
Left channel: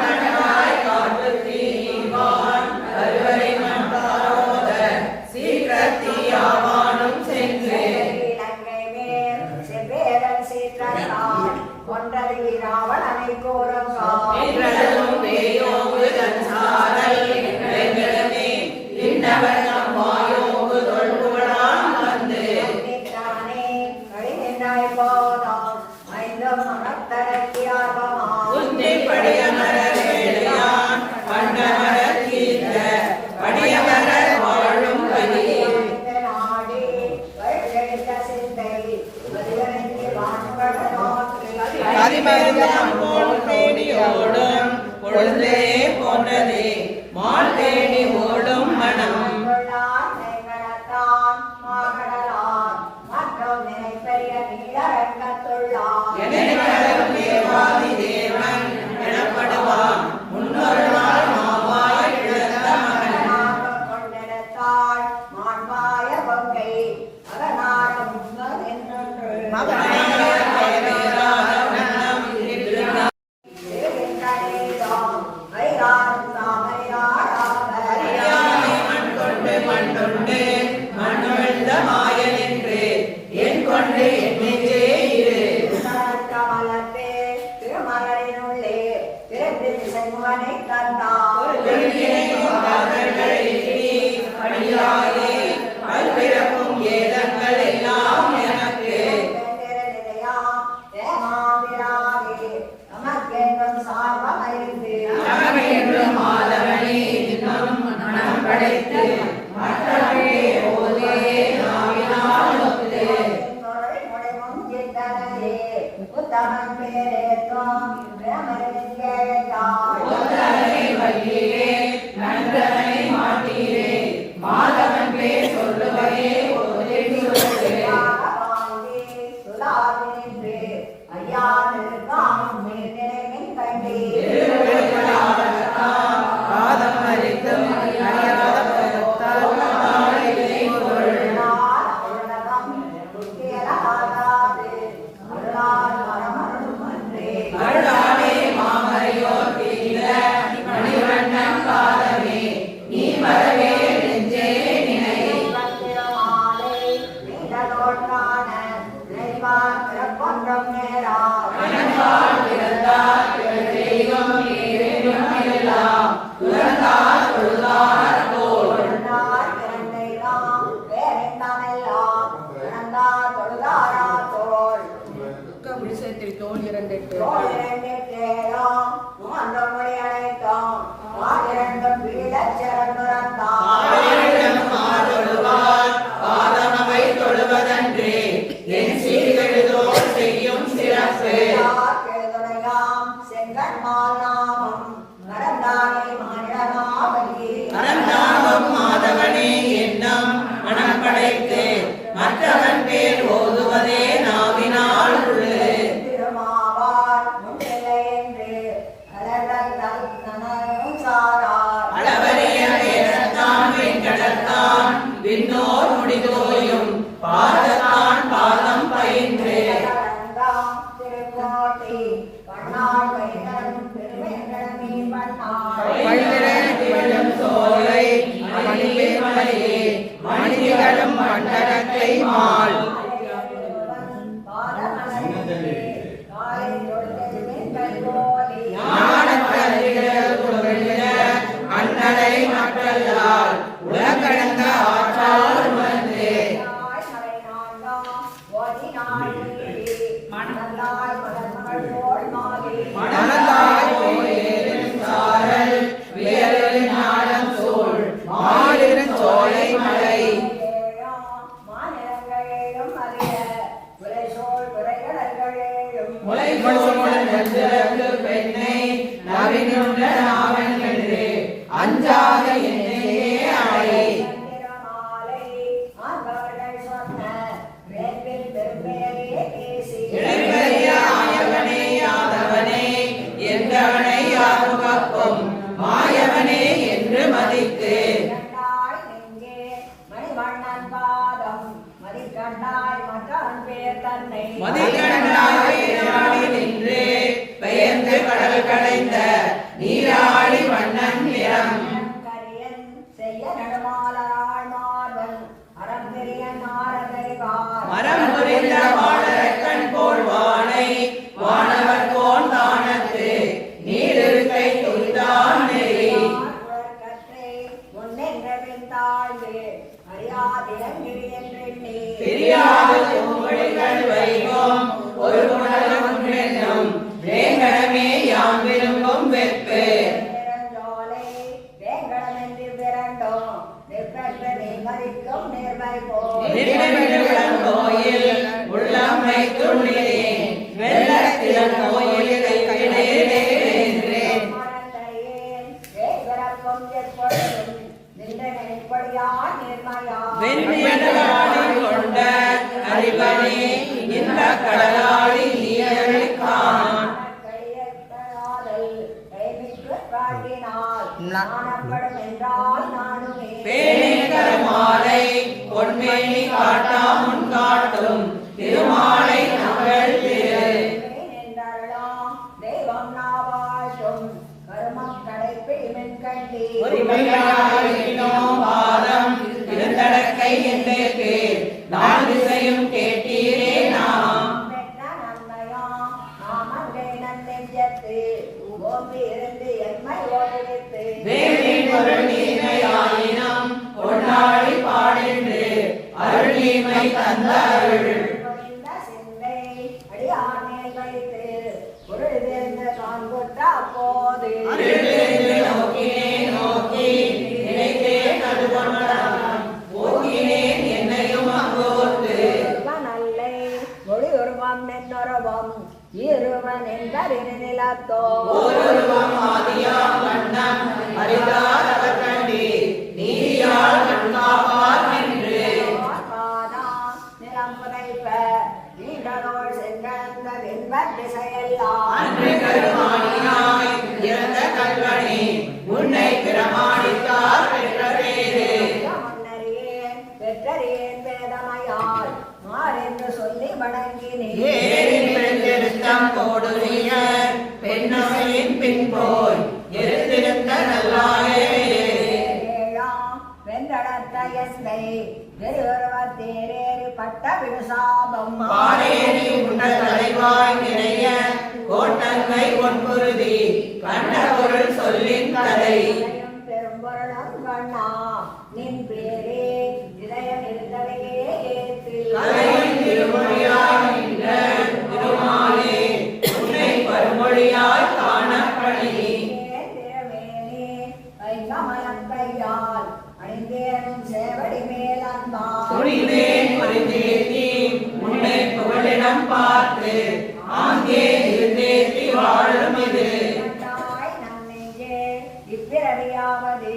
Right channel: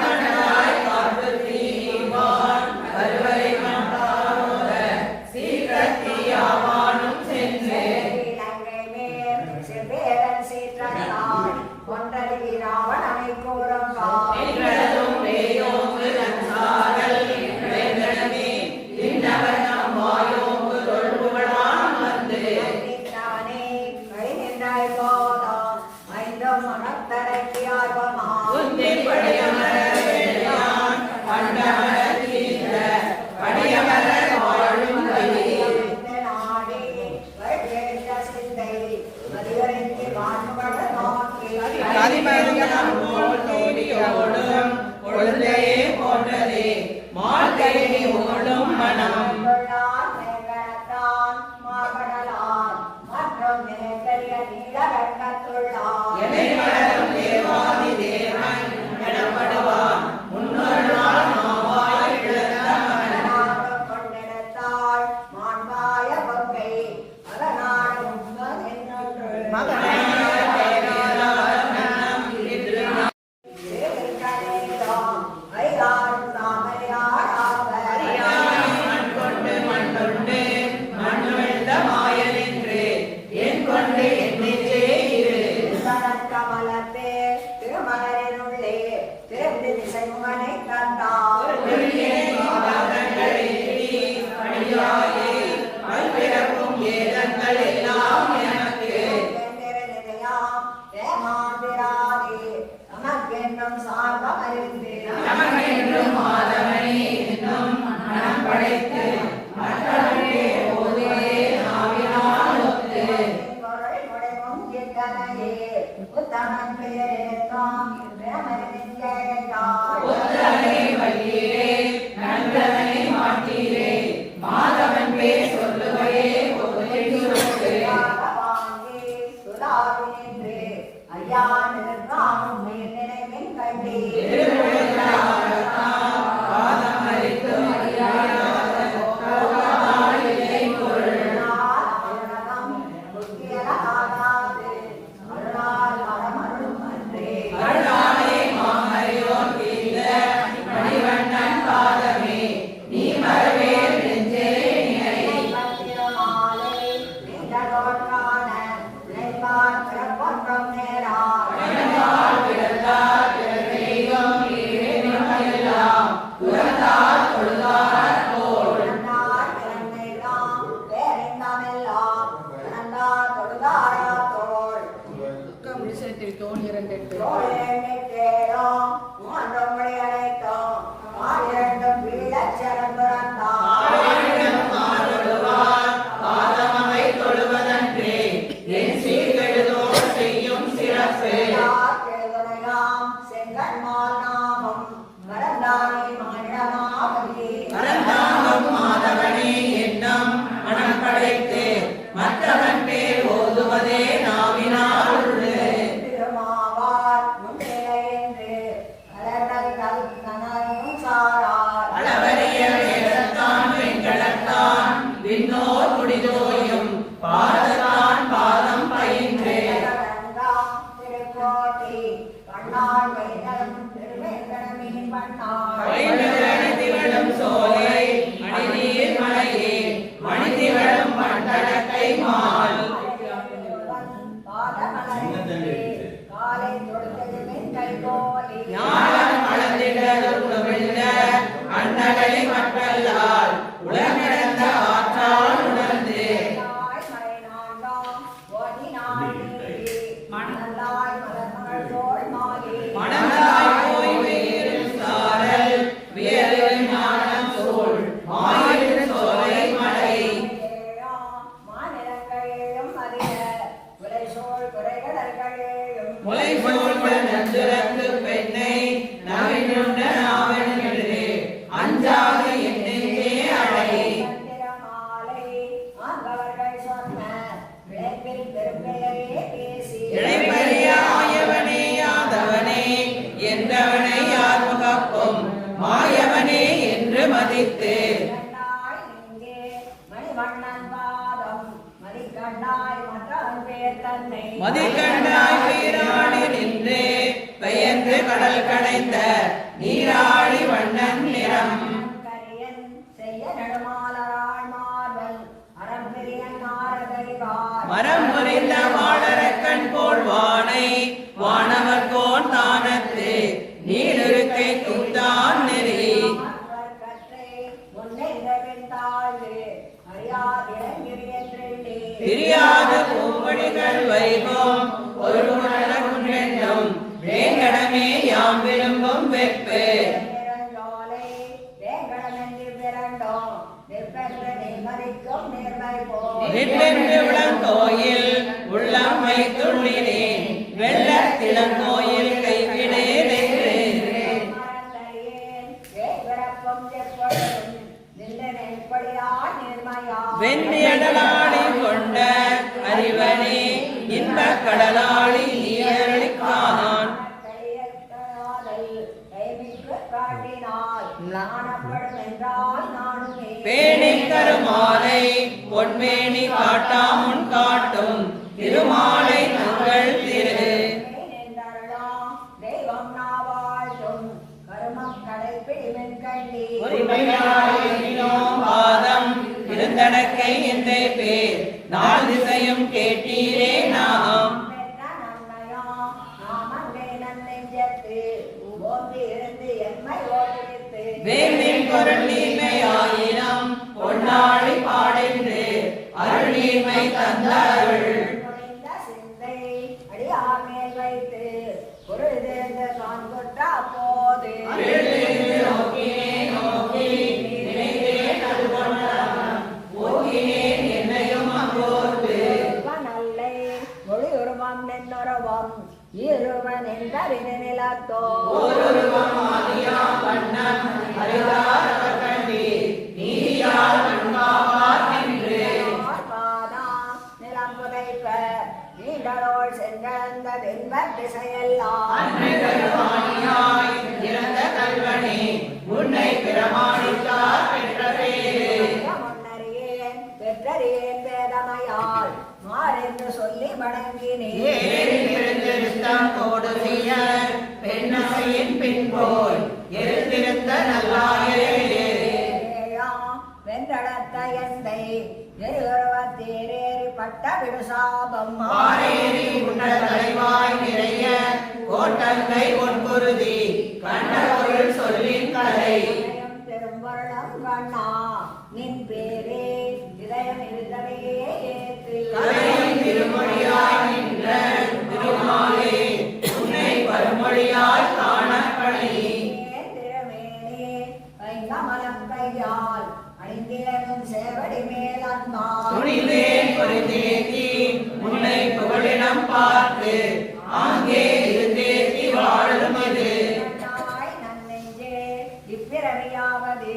கண்டனாய் காவல் தீவான் கருவறை மண்டாரோத சீக்கிரத்தியாவானும் சென்று என்றதும் வேயோங்கு தன் சாரல் என்றமே திண்டவன் நம் வாயோங்கு தொல்புகழான் வந்து உன்னை படையமரவேயான் கண்டமர தீர்ந்த படியமர வாழும் கலி ஓடும் கொழுந்தே போன்றது மால் தேடி ஓடும் மனம் எதிர்வரும் தேவாதி தேவன் எனப்படுவான் முன்னொரு நாள் மாவாய் எழுந்தவன் மண்கொண்டு மண்ணுழ்ந்த மாயன் என்று என் கொண்டு என்னிலே இரு திருமகளினுள்ளே பிறந்து செல்வனை கண்டார் படியாயே பல்பிறப்பும் ஏதங்கள் எல்லாம் எனக்கு நமக்கென்றும் மாதவனே இன்னும் மனம் படைத்து மற்றவனே ஓதே நாவினால் ஒத்து ஒத்தனை வழியே நன்றனை மாட்டியே மாதவன் பேர் சொல்லுவரே ஓதை சொல்லுவே ஐயா நிற்காமும் நினைவின் கண்டே பாதம் அளிக்கும் அருளாலே மாமரையோர் தீர மணிவண்ணன் பாதமே நீ மரவே நெஞ்சே நினை எனக்கால் பிறந்தார் பிறந்தெய்வம் நீரென்னும் எல்லாம் துறந்தார் தொழுதார் போல் பாதமவை தொழுவதன்றே என் சீர்கெழுதோர் செய்யும் சிறப்பு அறந்தாங்கும் மாதவனே எண்ணம் மனம் படைத்து மற்றவன் பேர் ஓதுவதே நாவினால் உள்ளு அளவரிய வேதத்தான் வெண்கடத்தான் விண்ணோர் முடிதோயும் பாதத்தான் பாதம் பயின்று திகழும் சோலை மணியில் மலையே மணிகளும் மண்டலத்தை மால் காலை மணந்தாய் போய் வேரின் சாரல் வியலின் ஞானம் சூழ் மாயிரின் சோலை மலை முலை சூழ்ந்த நெஞ்சிறக்கு பெண்ணை நவினுண்ட நாவன் என்று அஞ்சாத என்னையே அடை இடைப்பெரிய ஆயவனே யாதவனே எந்தவனை யாரும் காக்கும் மாயவனே என்று மதித்து மணிவண்ணன் பாதம் மதிக்கண்டாய் மற்றவன் பேர் தன்னை மதிக்கண்டாய் நின்று பெயர்ந்து கடல் கடைந்த நீராடி வண்ணன் நிறம் கரியன் செய்ய நடுமாலராள் மார்பன் அறம்பெரியன் ஆரதறிவார் மரம் புரிந்த வாழறக்கண் போல் வானை வானவர் போன் தானத்து நீரிருக்கை துந்தான் நெறி பிரியாத பூமொழிகள் வைகோம் ஒரு உணர்வென்றும் வேங்கடமே யான் விரும்பும் வெற்பு கோயில் உள்ளம் வைக்கும் வெள்ளத்திடம் கோயில் கைவிடே வெண்மையாளி கொண்ட அறிவனே இந்த கடலாளி நீயழிக்கானான் பேணின் கருமாலை பொன்மேனி காட்டாமுன் காட்டும் திருமாலை தங்கள் திரு தெய்வம் நாவாழ்த்தும் கருமம் கடைப்பிடிமென் கண்டி பாதம் இருந்தடக்கை என்றே நான் திசையும் கேட்டீரே நாம் பெற்ற நன்மையா நாமன்றே நன்னெஞ்சத்து ஓம்பி இருந்து எம்மை ஓட்டுவித்து தேவின் பொருள் நீமையாயினம் பொன்னாழி பாடென்று அருள் நீமை தந்த அருள் பொழிந்த சிந்தை அடியார் மேல் வைத்து பொருள் தேர்ந்து தான் கொட்ட போது அருளிருந்து நோக்கினேன் நோக்கி நினைத்தேன் நடுவனம் போகினேன் என்னையும் அங்கோர்ந்து நல்லை மொழி உருவம் நின்னுருவம் இருவன் என்பரின் நிலத்தோ ஓருருவம் ஆதியாம் வண்ணம் அறிதார் அவர் கண்டி நீதியால் நன்காவார் என்று நிலம் புதைப்ப நீண்டரோள் சென்றந்த வெண்பட் திசையெல்லாம் அன்னை கருமானியாய் இறந்த கல்வனே உன்னை பிரமாணித்தார் பெற்றரேரே முன்னறியேன் பெற்றறியேன் வேதமையால் மாறென்று சொல்லி வணங்கினேன் ஏரின் பெருந்தெருத்தம் கோடுவிய பெண்ணமையின் பின்போய் எழுந்திருந்த நல்லாயே வென்றடத்த எந்தை நெருவத்தேரேறி பட்ட விடுசாபம் பாரேரி உண்ட தலைவாய் நிறைய கோட்டங்கை பொன்புருதி கண்ட பொருள் சொல்லின் கதை பெரும்பொருளம் கண்ணா நின் பேரே இதயம் இருந்தவே ஏத்து கதையும் திருமொழியாய் நின்ற திருமாலே உன்னை பருமொழியாய் காணப்படி திருமேனே ஐங்கமலம் கையால் அணிந்தேனும் சேவடி மேலந்தார் துணிந்தேன் பரிந்தேத்தி உன்னை புகழிடம் பார்த்து ஆங்கே இருந்தேத்தி வாழும் இது நன்னெஞ்சே இப்பிறவியாவது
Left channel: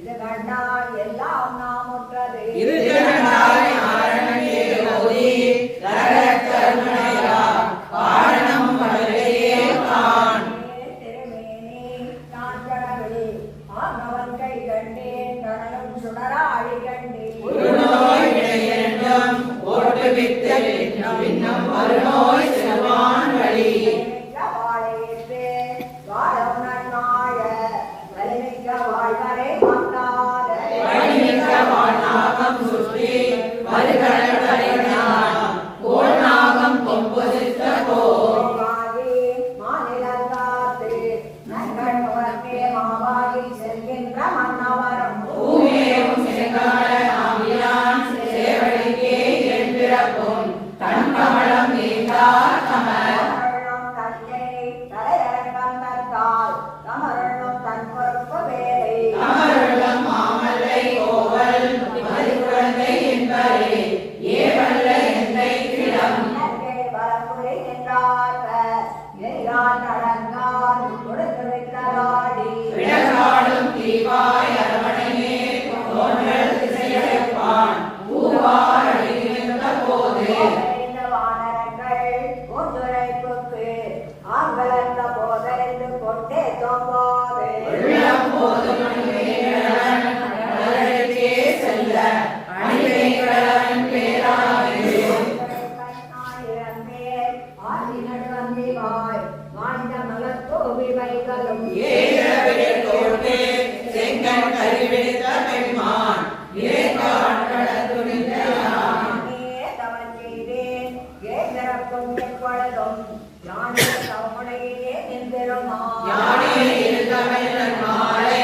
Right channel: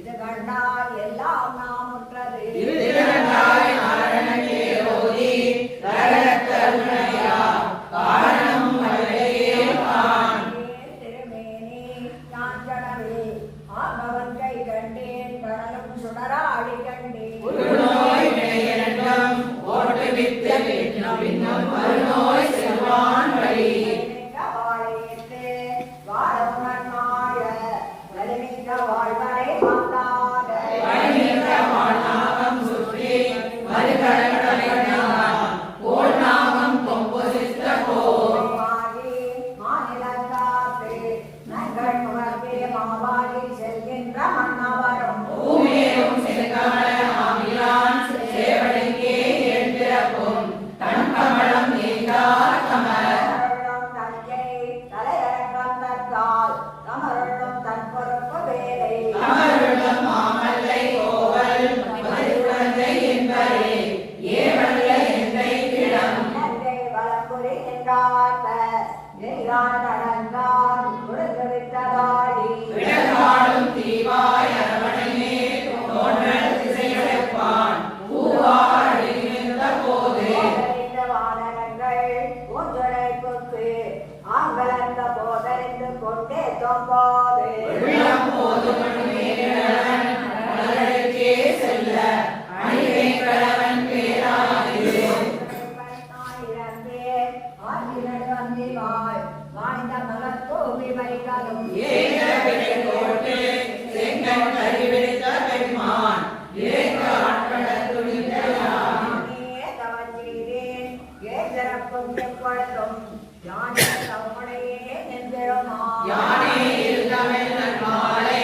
இது கண்டால் எல்லாம் நாம் உற்றது இது திரண்டாய் ஆரணங்கே ஓதி தரத்தருணையா காரணம் வல்லையே காண் திருமேனி நான் கனவு ஆகவன் கை கண்டேன் கடலும் சுடராடி கண்டேன் ஒரு நோய் வினையென்றும் ஓட்டுவித்த விண்ணும் மறுநோய் செல்வ கொண்டே தோம்போது உள்ளம் போதும் செல்ல அணிவேங்கடவன் பேராது ஆயிரம் பேர் ஆதினர் வந்திவாய் வாழ்ந்த மலத்தோவி வைகளும் ஏகவேலோடு செங்கன் கரிவிடுத்த பெண்மான் ஏக ஆட்களத் துணிந்தயான் தவஞ்செய்தேன் ஏதரப்பும் எப்பொழுதும் யானே தம்முடையே நின்றோமான் யானே இருந்தமிழன் மாலை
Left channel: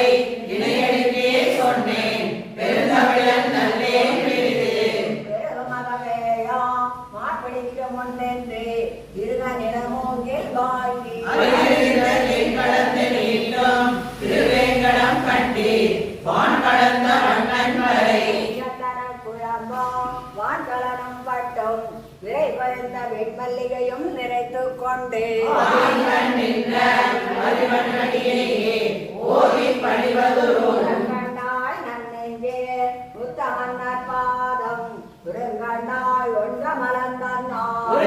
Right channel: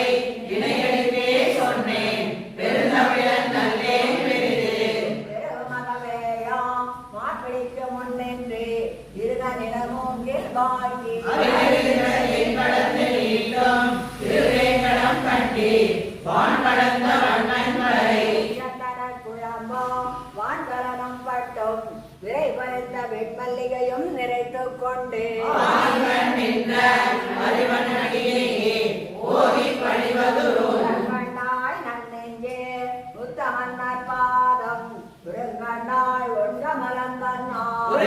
இணையடிக்கே சொன்னேன் பெருந்தமிழன் நல்லேன் பெரிது பெருமகவேயா மாப்பிடிக்க முன்னென்று இருக நிலமோங்கில் வாழ்க்கை எங்களத்தில் ஈட்டும் திருவேங்கடம் கண்டி வான் கடந்த வண்ணன் வரை குழம்போ வான்கலனம் பட்டும் விரை பறிந்த வெண்மல்லிகையும் நிறைத்துக் கொண்டு கண்டாய் நன்னெஞ்சே உத்தமன்னர் பாதம் குறுங்கண்டாய் ஒன்ற மலர்ந்தாய்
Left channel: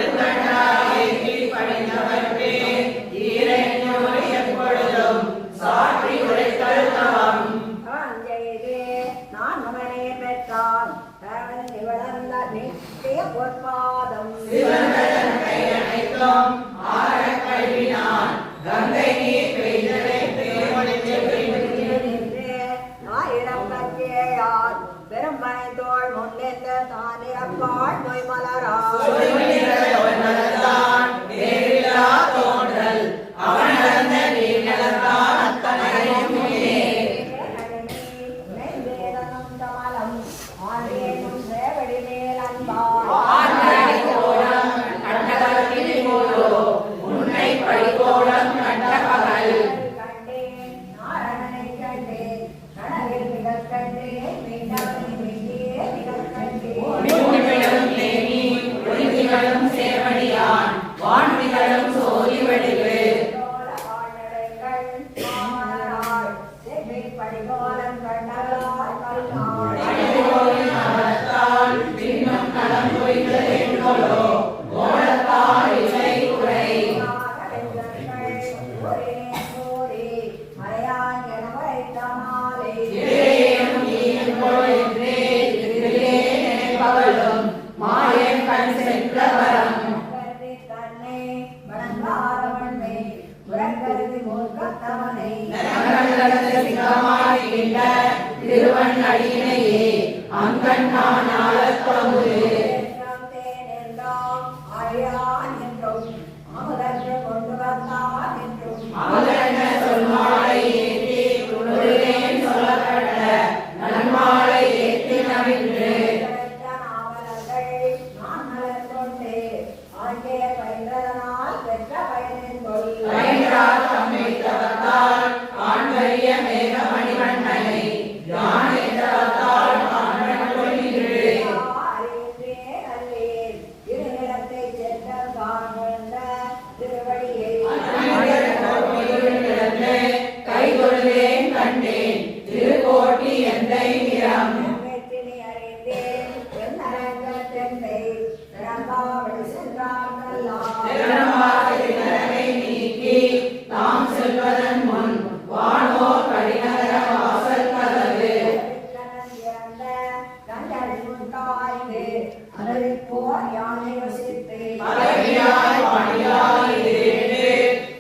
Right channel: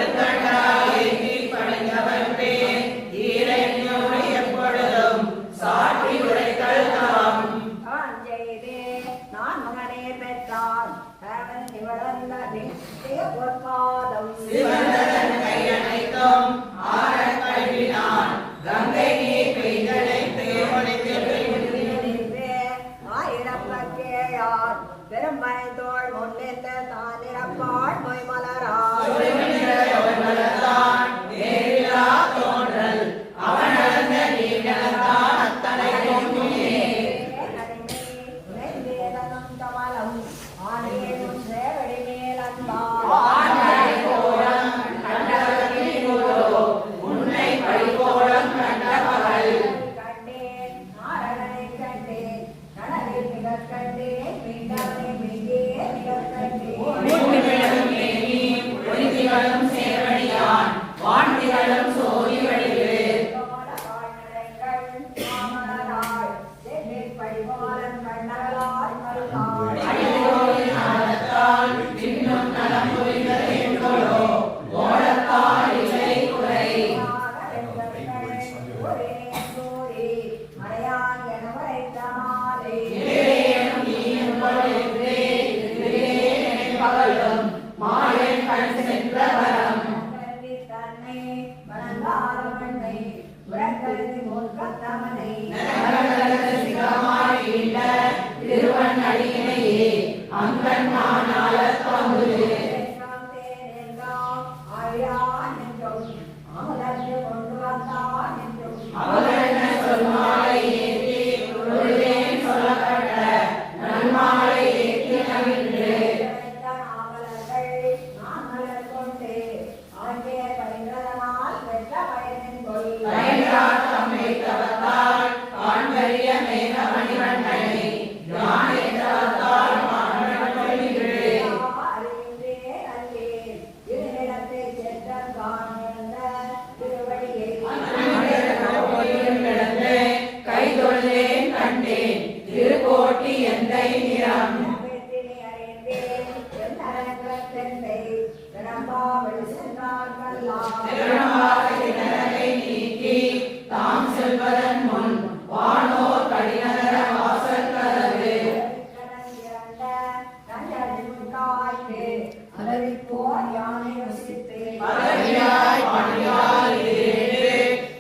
எப்பொழுதும் சாற்றி உரைத்தல் தவம் செய்தே நான் மகனே பெற்றான் வளர்ந்த நித்திய பொற்பாதம் சிவந்தன் கையனைத்தும் ஆரக் கழுவினான் கங்கை நீர் பெய்தலை ஆயிரப்பத்தேயார் பெரும் பனைத்தோள் முன்னெந்த தான் இறப்பாள் நோய் மலராள் தோன்றல் அவன் நடந்த நீர் நடந்தான் அத்தனையும் உன்னை பழிகோலம் கண்ட பகல் ஒளிதிகளும் சேவடியான் வான்திகளும் சோதி வடிவு இன்னும் நலம் புரிந்ததென்றோ ஓடத்தால் இல்லை குறை நினைப்பவளும் மாயன் கண் சென்ற வரம் திருவன் அடியினையே அங்கன் மானாளத் தமுது அவளென்ன சொல்மாலை ஏற்றி உருளேன் சொல்லப்பட்ட நன்மாலை ஏற்றி நவின்று பயன்றார் தம்மை தவத்தால் ஆண்கரிய மேக மணிவண்ணனை யான் என்றால் ஆண்மன் கொள்கின்றே கை தொழுதேன் கண்டேன் திருக்கோட்டி எந்தை நிறம் நீக்கி தாம் செல்வதன் முன் வானோர் கடிநகர வாசல் கதவு பதவியாய் பணியாய் இருந்து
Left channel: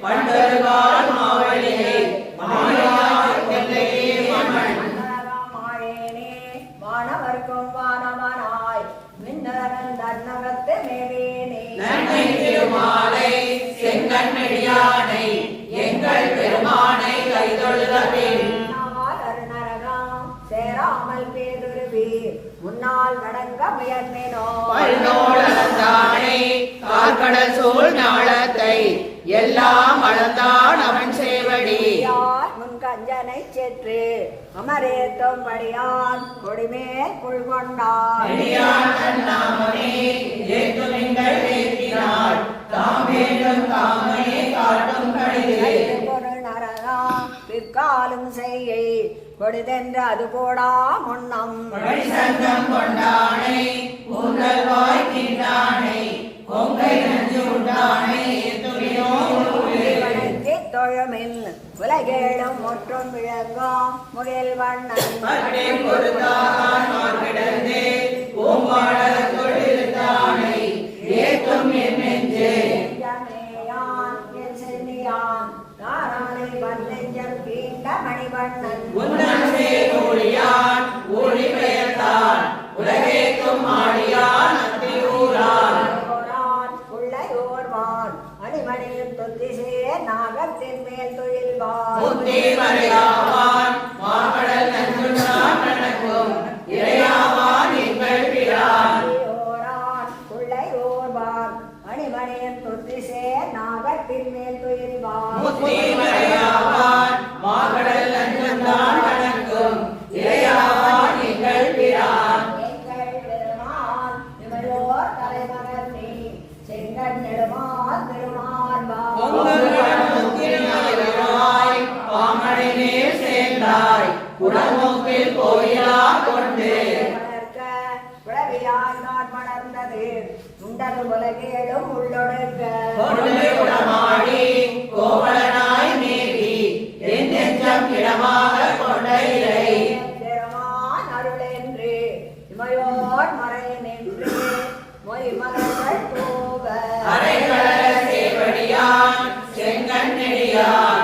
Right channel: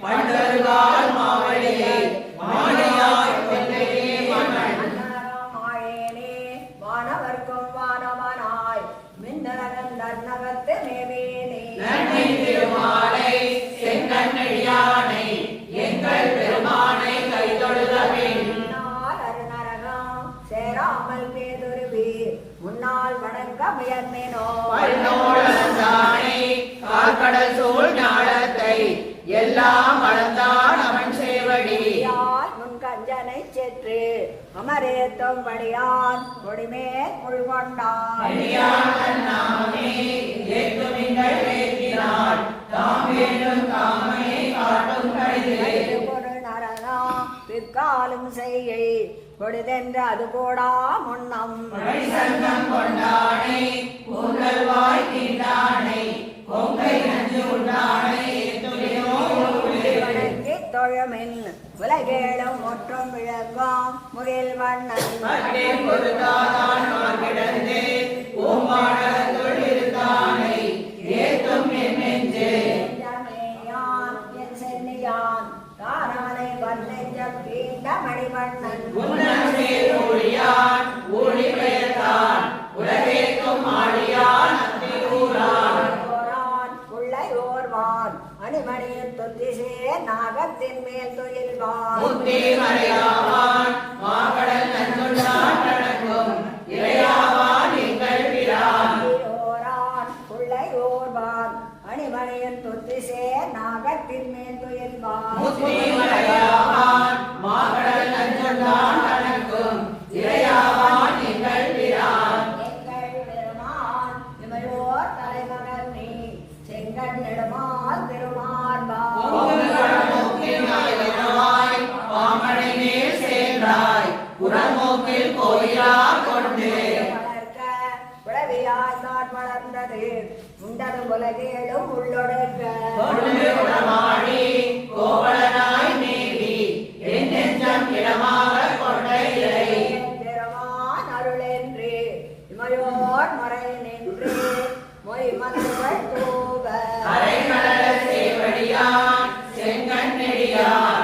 பண்டருகால் மாவழியை மணியாய் கொள்ளையே மகன் வானவர்க்கும் வானவனாய் மின்னரன் தன்னகத்து மேவேனே நன்மை திருமாலை செங்கண்மெடியானை எங்கள் பெருமானை கைதொழுத பின் சேராமல் பேதுருவீர் முன்னால் வணங்க முயர்ந்தேனோ பல்நோழந்தானை கார்கடல் சூழ் ஞாலத்தை எல்லாம் அளந்தான் அவன் சேவடி முன்கஞ்சனை செற்று அமரேத்தும்படியான் கொடிமேல் புல்கொண்டான் நாமமே ஏற்றுமிங்கள் ஏற்றினாள் தாம் வேண்டும் காமையை காட்டும் கடிதே பொருள் நரனா பிற்காலும் செய்கை கொடிதென்று அது போடா முன்னம் சங்கம் கொண்டானை உங்கள்வாய் தீண்டானை பொங்கை நஞ்சு உண்டானை வணங்கி தொழமின் உலகேழும் முற்றும் விளங்கும் முகில் வண்ணன் மற்றில் பொருந்தாதான் மார்கிடந்தே பூமாடலத்துள் இருந்தானை ஏத்தும் என் நெஞ்சே நெஞ்சமேயான் என் சென்னியான் தானானை வந்தெஞ்சம் கீண்ட மணிவண்ணன் உன்னன் சேர் ஊழியான் ஊழி பெயர்த்தான் உலகேக்கும் ஆழியான் அத்தியூரான் உள்ளயோர்வான் அணிமணியின் தொத்திசே நாகத்தின் மேல் தொழில்வான் முத்தி மறையாவான் மாகடல் நஞ்சுண்டான் நடக்கும் இறையாவான் எங்கள் பிரான் உள்ளயோர்வான் அணிமணியின் தொத்திசே நாகத்தின் மேல் தொழில்வான் முத்தி மறையாவான் மாகடல் நஞ்சுண்டான் நடக்கும் இறையாவான் எங்கள் பிரான் எங்கள் பெருமான் இவரோர் தலைமகன் நீ செங்கன் நெடுமால் பெருமான் பாமனை மேல் சேர்ந்தாய் குடமூக்கில் கோயிலா கொண்டு உளவியால் வளர்ந்தது உண்டது உலகேடும் உள்ளொடுக்க கொண்டு உடமாடி கோவலனாய் நீதி என் நெஞ்சம் இடமாக கொண்ட இறை பெருமான் அருளென்று இமையோர் மறை நின்று மொய் மலர்கள் தூவ அரைக்கடல சேவடியான் செங்கண் நெடியான்